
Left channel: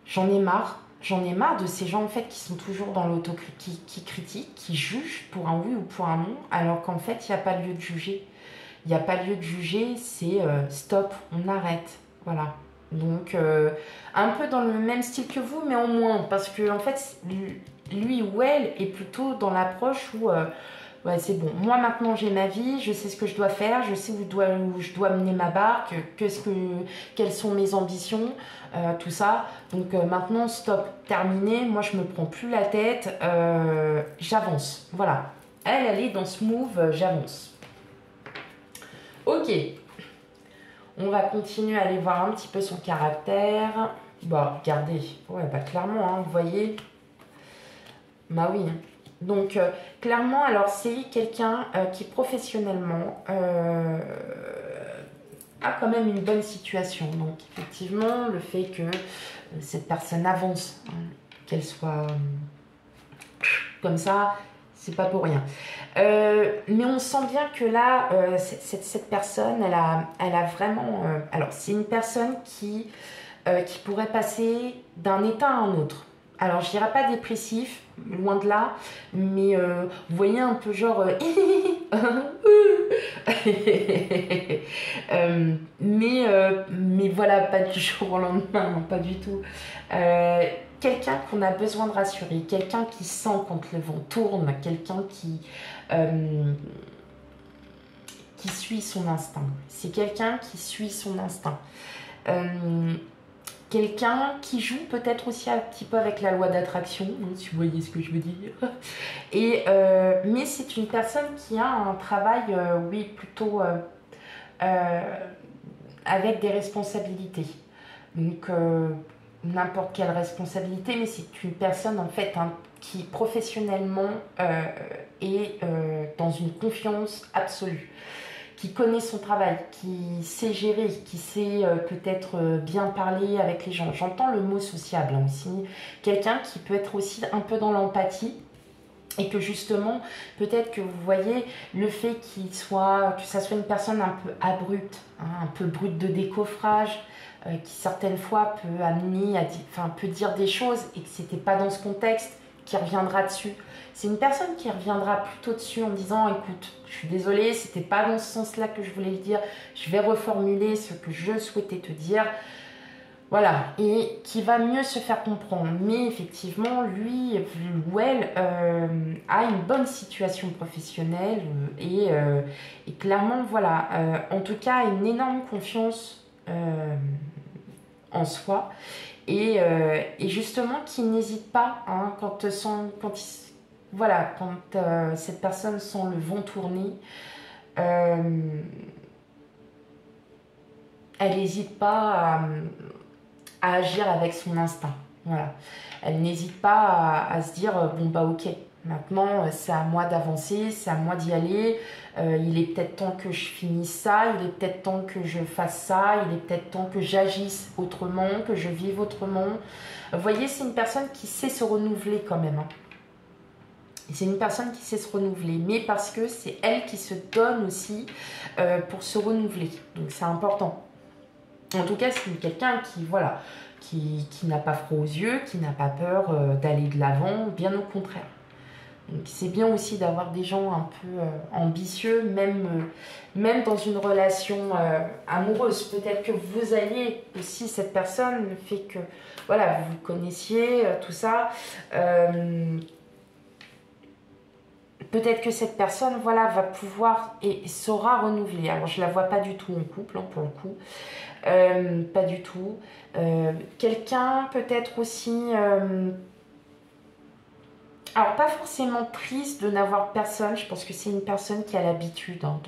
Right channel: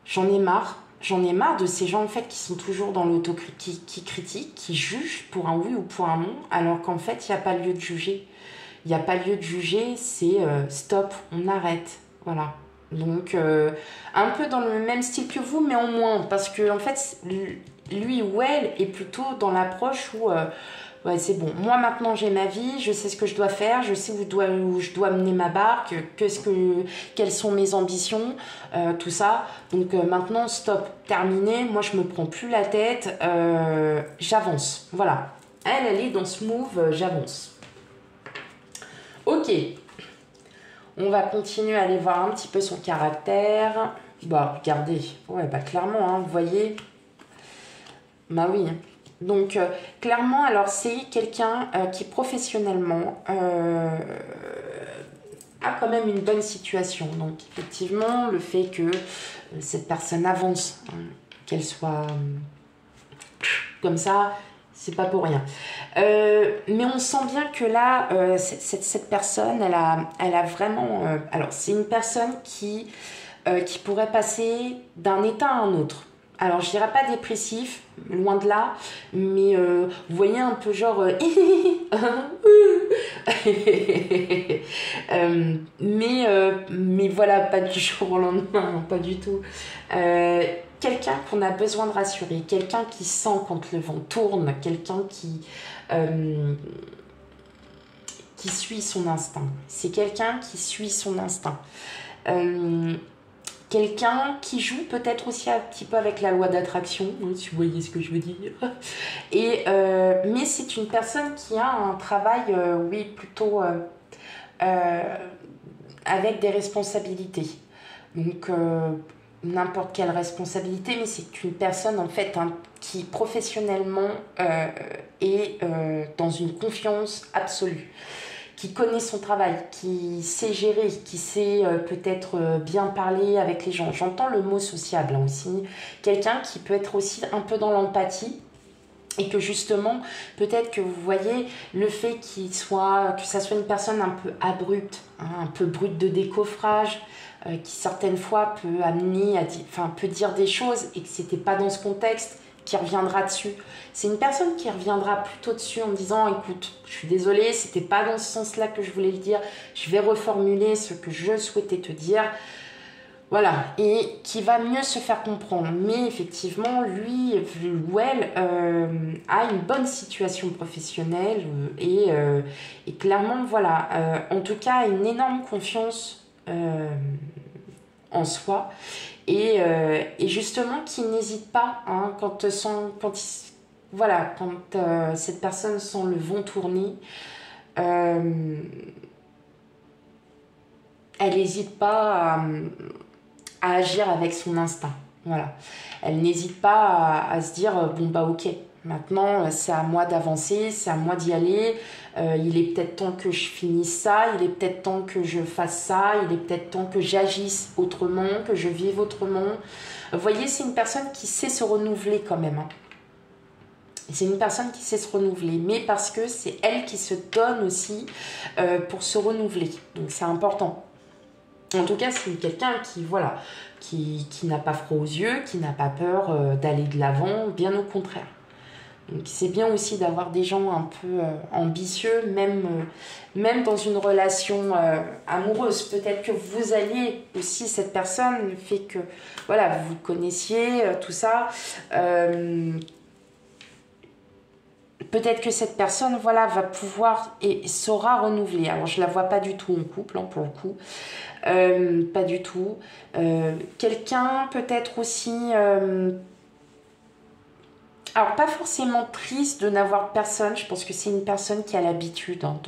j'en ai marre. J'en ai marre de ces gens en fait qui sont toujours dans l'autocritique, qui critiquent, qui jugent pour un oui ou pour un non, alors qu'en fait, il n'y a pas lieu de juger. Il n'y a pas lieu de juger, c'est stop, on arrête. Voilà. Donc, un peu dans le même style que vous, mais en moins. Parce que, en fait, lui ou elle est plutôt dans l'approche où, ouais, c'est bon. Moi, maintenant, j'ai ma vie, je sais ce que je dois faire, je sais où je dois mener ma barque, quelles sont mes ambitions, tout ça. Donc, maintenant, stop, terminé. Moi, je me prends plus la tête, j'avance. Voilà. Elle est dans ce move, j'avance. Ok. On va continuer à aller voir un petit peu son caractère. Bah, regardez. Ouais, bah, clairement, hein, vous voyez. Bah oui. Donc, clairement, alors, c'est quelqu'un qui, professionnellement, a quand même une bonne situation. Donc, effectivement, le fait que cette personne avance, hein, qu'elle soit comme ça, c'est pas pour rien. Mais on sent bien que là, cette personne, elle a vraiment... alors, c'est une personne qui pourrait passer d'un état à un autre. Alors, je dirais pas dépressif, loin de là, mais vous voyez un peu genre... mais voilà, pas du jour au lendemain, non, pas du tout. Quelqu'un qu'on a besoin de rassurer, quelqu'un qui sent quand le vent tourne, quelqu'un qui suit son instinct. C'est quelqu'un qui suit son instinct. Quelqu'un qui joue peut-être aussi un petit peu avec la loi d'attraction, si vous voyez ce que je veux dire. Mais c'est une personne qui a un travail, oui, plutôt avec des responsabilités. Donc, n'importe quelle responsabilité, mais c'est une personne en fait hein, qui professionnellement est dans une confiance absolue, qui connaît son travail, qui sait gérer, qui sait peut-être bien parler avec les gens. J'entends le mot sociable hein, aussi. Quelqu'un qui peut être aussi un peu dans l'empathie. Et que justement, peut-être que vous voyez le fait que ça soit une personne un peu abrupte, hein, un peu brute de décoffrage, qui certaines fois peut amener peut dire des choses et que c'était pas dans ce contexte, qui reviendra dessus. C'est une personne qui reviendra plutôt dessus en disant écoute, je suis désolée, c'était pas dans ce sens-là que je voulais le dire, je vais reformuler ce que je souhaitais te dire. Voilà, et qui va mieux se faire comprendre. Mais effectivement, lui ou elle a une bonne situation professionnelle et clairement, voilà, en tout cas, une énorme confiance en soi et justement qui n'hésite pas hein, quand cette personne sent le vent tourner. Elle n'hésite pas à agir avec son instinct. Voilà. Elle n'hésite pas à se dire bon bah ok, maintenant c'est à moi d'avancer, c'est à moi d'y aller. Il est peut-être temps que je finisse ça, il est peut-être temps que je fasse ça, il est peut-être temps que j'agisse autrement, que je vive autrement. Vous voyez, c'est une personne qui sait se renouveler quand même. Hein. C'est une personne qui sait se renouveler, mais parce que c'est elle qui se donne aussi pour se renouveler. Donc c'est important. En tout cas, c'est quelqu'un qui n'a pas froid aux yeux, qui n'a pas peur d'aller de l'avant, bien au contraire. Donc c'est bien aussi d'avoir des gens un peu ambitieux, même dans une relation amoureuse. Peut-être que vous alliez aussi, cette personne, le fait que voilà, vous connaissiez, tout ça. Peut-être que cette personne voilà, va pouvoir et saura renouveler. Alors je ne la vois pas du tout en couple, hein, pour le coup. Pas du tout. Quelqu'un peut-être aussi... alors pas forcément triste de n'avoir personne. Je pense que c'est une personne qui a l'habitude hein,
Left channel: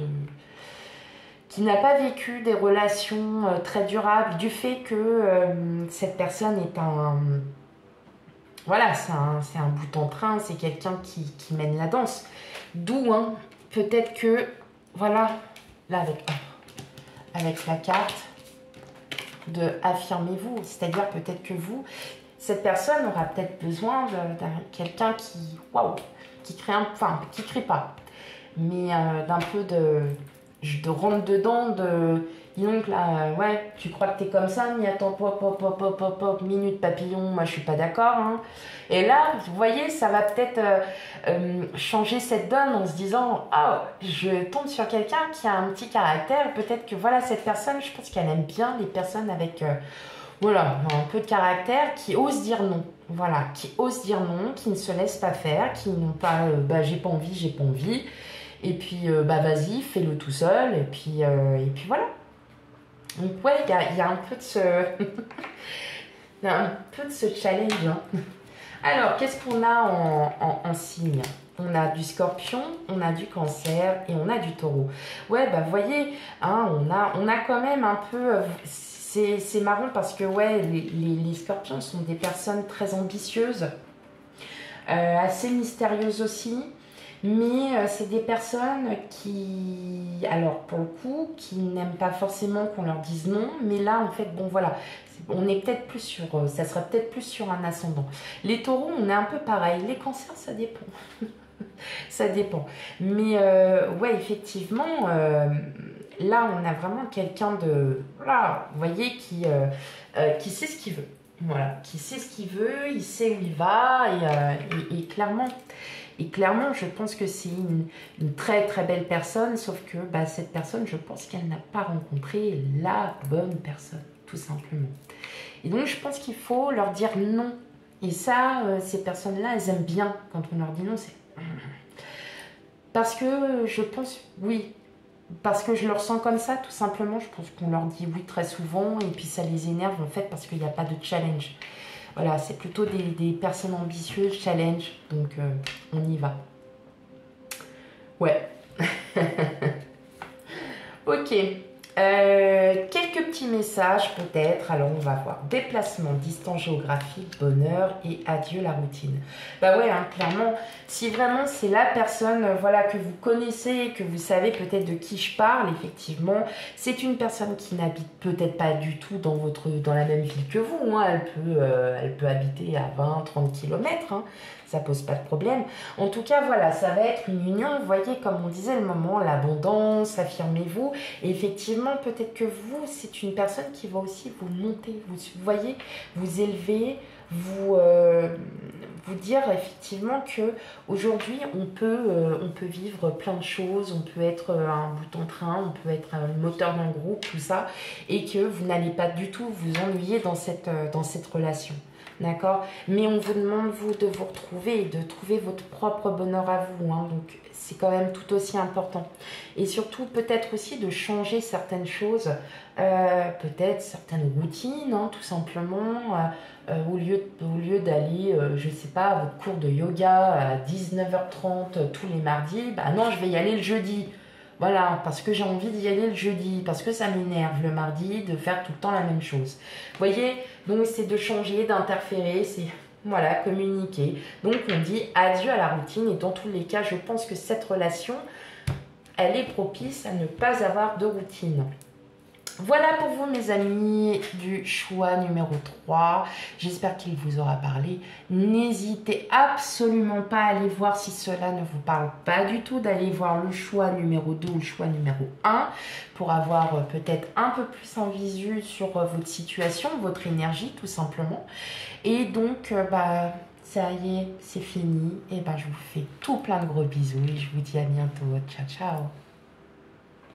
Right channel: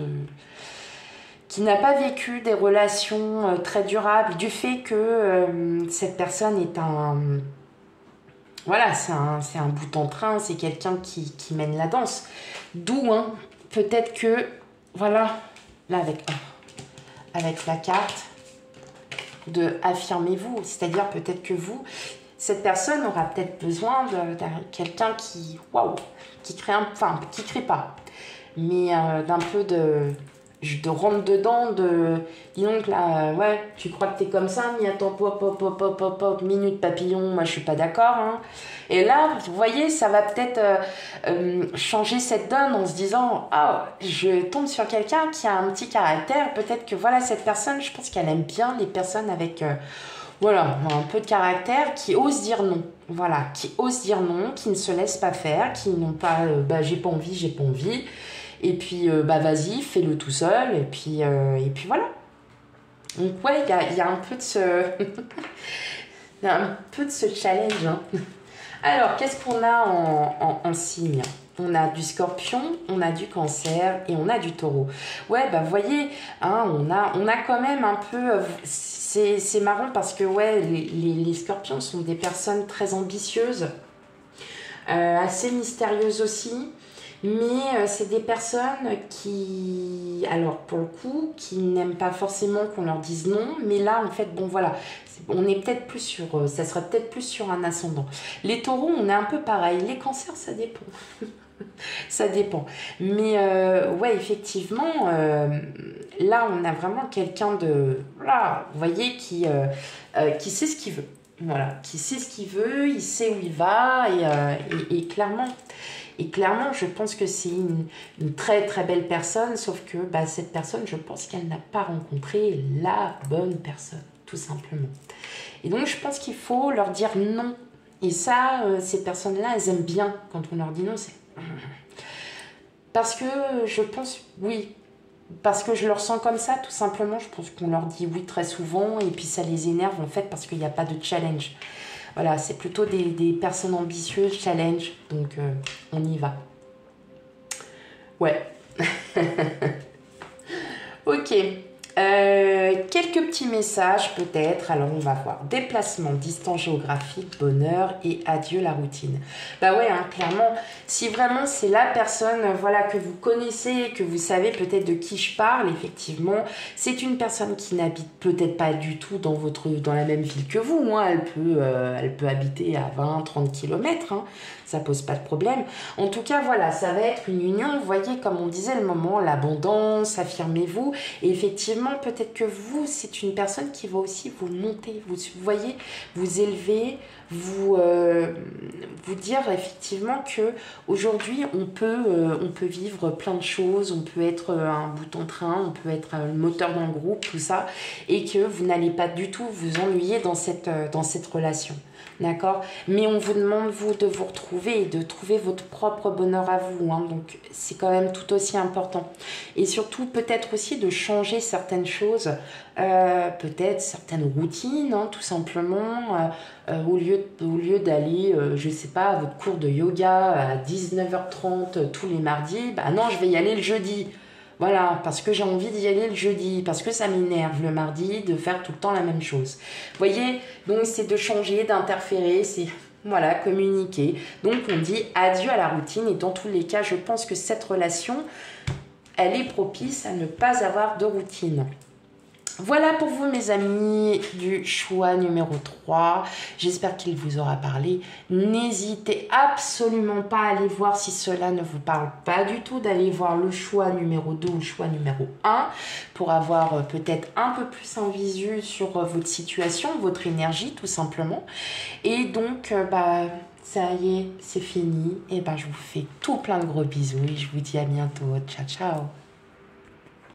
qui n'a pas vécu des relations très durables du fait que cette personne est un... Voilà, c'est un bout en train, c'est quelqu'un qui mène la danse. D'où, hein, peut-être que... Voilà, là avec la carte de affirmez-vous, c'est-à-dire peut-être que vous, cette personne aura peut-être besoin de quelqu'un qui, waouh, qui crée qui crée pas, mais d'un peu je te rentre dedans de... Dis donc là, ouais, tu crois que t'es comme ça, mais attends, pop, pop, pop, pop, pop, pop, minute papillon, moi je suis pas d'accord. Hein. Et là, vous voyez, ça va peut-être changer cette donne en se disant, ah, je tombe sur quelqu'un qui a un petit caractère, peut-être que voilà, cette personne, je pense qu'elle aime bien les personnes avec... voilà, un peu de caractère, qui osent dire non. Voilà, qui osent dire non, qui ne se laissent pas faire, qui n'ont pas, bah j'ai pas envie, j'ai pas envie. Et puis, bah vas-y, fais-le tout seul. Et puis voilà. Donc ouais, il y a un peu de ce... il y a un peu de ce challenge. Hein. Alors, qu'est-ce qu'on a en signe? On a du scorpion, on a du cancer et on a du taureau. Ouais, bah vous voyez, hein, on a quand même un peu... c'est marrant parce que ouais, les scorpions sont des personnes très ambitieuses, assez mystérieuses aussi. Mais c'est des personnes qui, alors pour le coup, qui n'aiment pas forcément qu'on leur dise non. Mais là, en fait, bon voilà, on est peut-être plus sur, ça serait peut-être plus sur un ascendant. Les taureaux, on est un peu pareil. Les cancers, ça dépend. Ça dépend. Mais ouais, effectivement, là, on a vraiment quelqu'un de, voilà, vous voyez, qui sait ce qu'il veut. Voilà, qui sait ce qu'il veut, il sait où il va et clairement. Et clairement, je pense que c'est une très très belle personne, sauf que bah, cette personne, je pense qu'elle n'a pas rencontré la bonne personne, tout simplement. Et donc, je pense qu'il faut leur dire non. Et ça, ces personnes-là, elles aiment bien quand on leur dit non. C'est parce que je pense, oui, parce que je le ressens comme ça, tout simplement. Je pense qu'on leur dit oui très souvent, et puis ça les énerve en fait parce qu'il n'y a pas de challenge. Voilà, c'est plutôt des personnes ambitieuses, challenge, donc on y va. Ouais. Ok. Quelques petits messages peut-être. Alors on va voir. Déplacement, distance géographique, bonheur et adieu la routine. Bah ouais, hein, clairement, si vraiment c'est la personne voilà, que vous connaissez, que vous savez peut-être de qui je parle, effectivement, c'est une personne qui n'habite peut-être pas du tout dans la même ville que vous. Hein. Elle peut habiter à 20-30 km. Hein. Ça pose pas de problème. En tout cas, voilà, ça va être une union. Vous voyez, comme on disait, le moment, l'abondance, affirmez-vous. Et effectivement, peut-être que vous, c'est une personne qui va aussi vous monter. Vous voyez, vous élever, vous dire effectivement que aujourd'hui on peut vivre plein de choses. On peut être un bout en train, on peut être le moteur d'un groupe, tout ça. Et que vous n'allez pas du tout vous ennuyer dans cette relation. D'accord? Mais on vous demande, vous, de vous retrouver et de trouver votre propre bonheur à vous. Hein. Donc, c'est quand même tout aussi important. Et surtout, peut-être aussi de changer certaines choses. Peut-être certaines routines, hein, tout simplement. Au lieu d'aller, je ne sais pas, à votre cours de yoga à 19h30 tous les mardis, bah non, je vais y aller le jeudi. Voilà, parce que j'ai envie d'y aller le jeudi, parce que ça m'énerve le mardi de faire tout le temps la même chose. Vous voyez, donc c'est de changer, d'interférer, c'est voilà, communiquer. Donc on dit adieu à la routine et dans tous les cas, je pense que cette relation, elle est propice à ne pas avoir de routine. Voilà pour vous mes amis du choix numéro 3. J'espère qu'il vous aura parlé. N'hésitez absolument pas à aller voir si cela ne vous parle pas du tout, d'aller voir le choix numéro 2 ou le choix numéro 1 pour avoir peut-être un peu plus en visu sur votre situation, votre énergie tout simplement. Et donc, bah, ça y est, c'est fini. Et ben, je vous fais tout plein de gros bisous et je vous dis à bientôt. Ciao, ciao.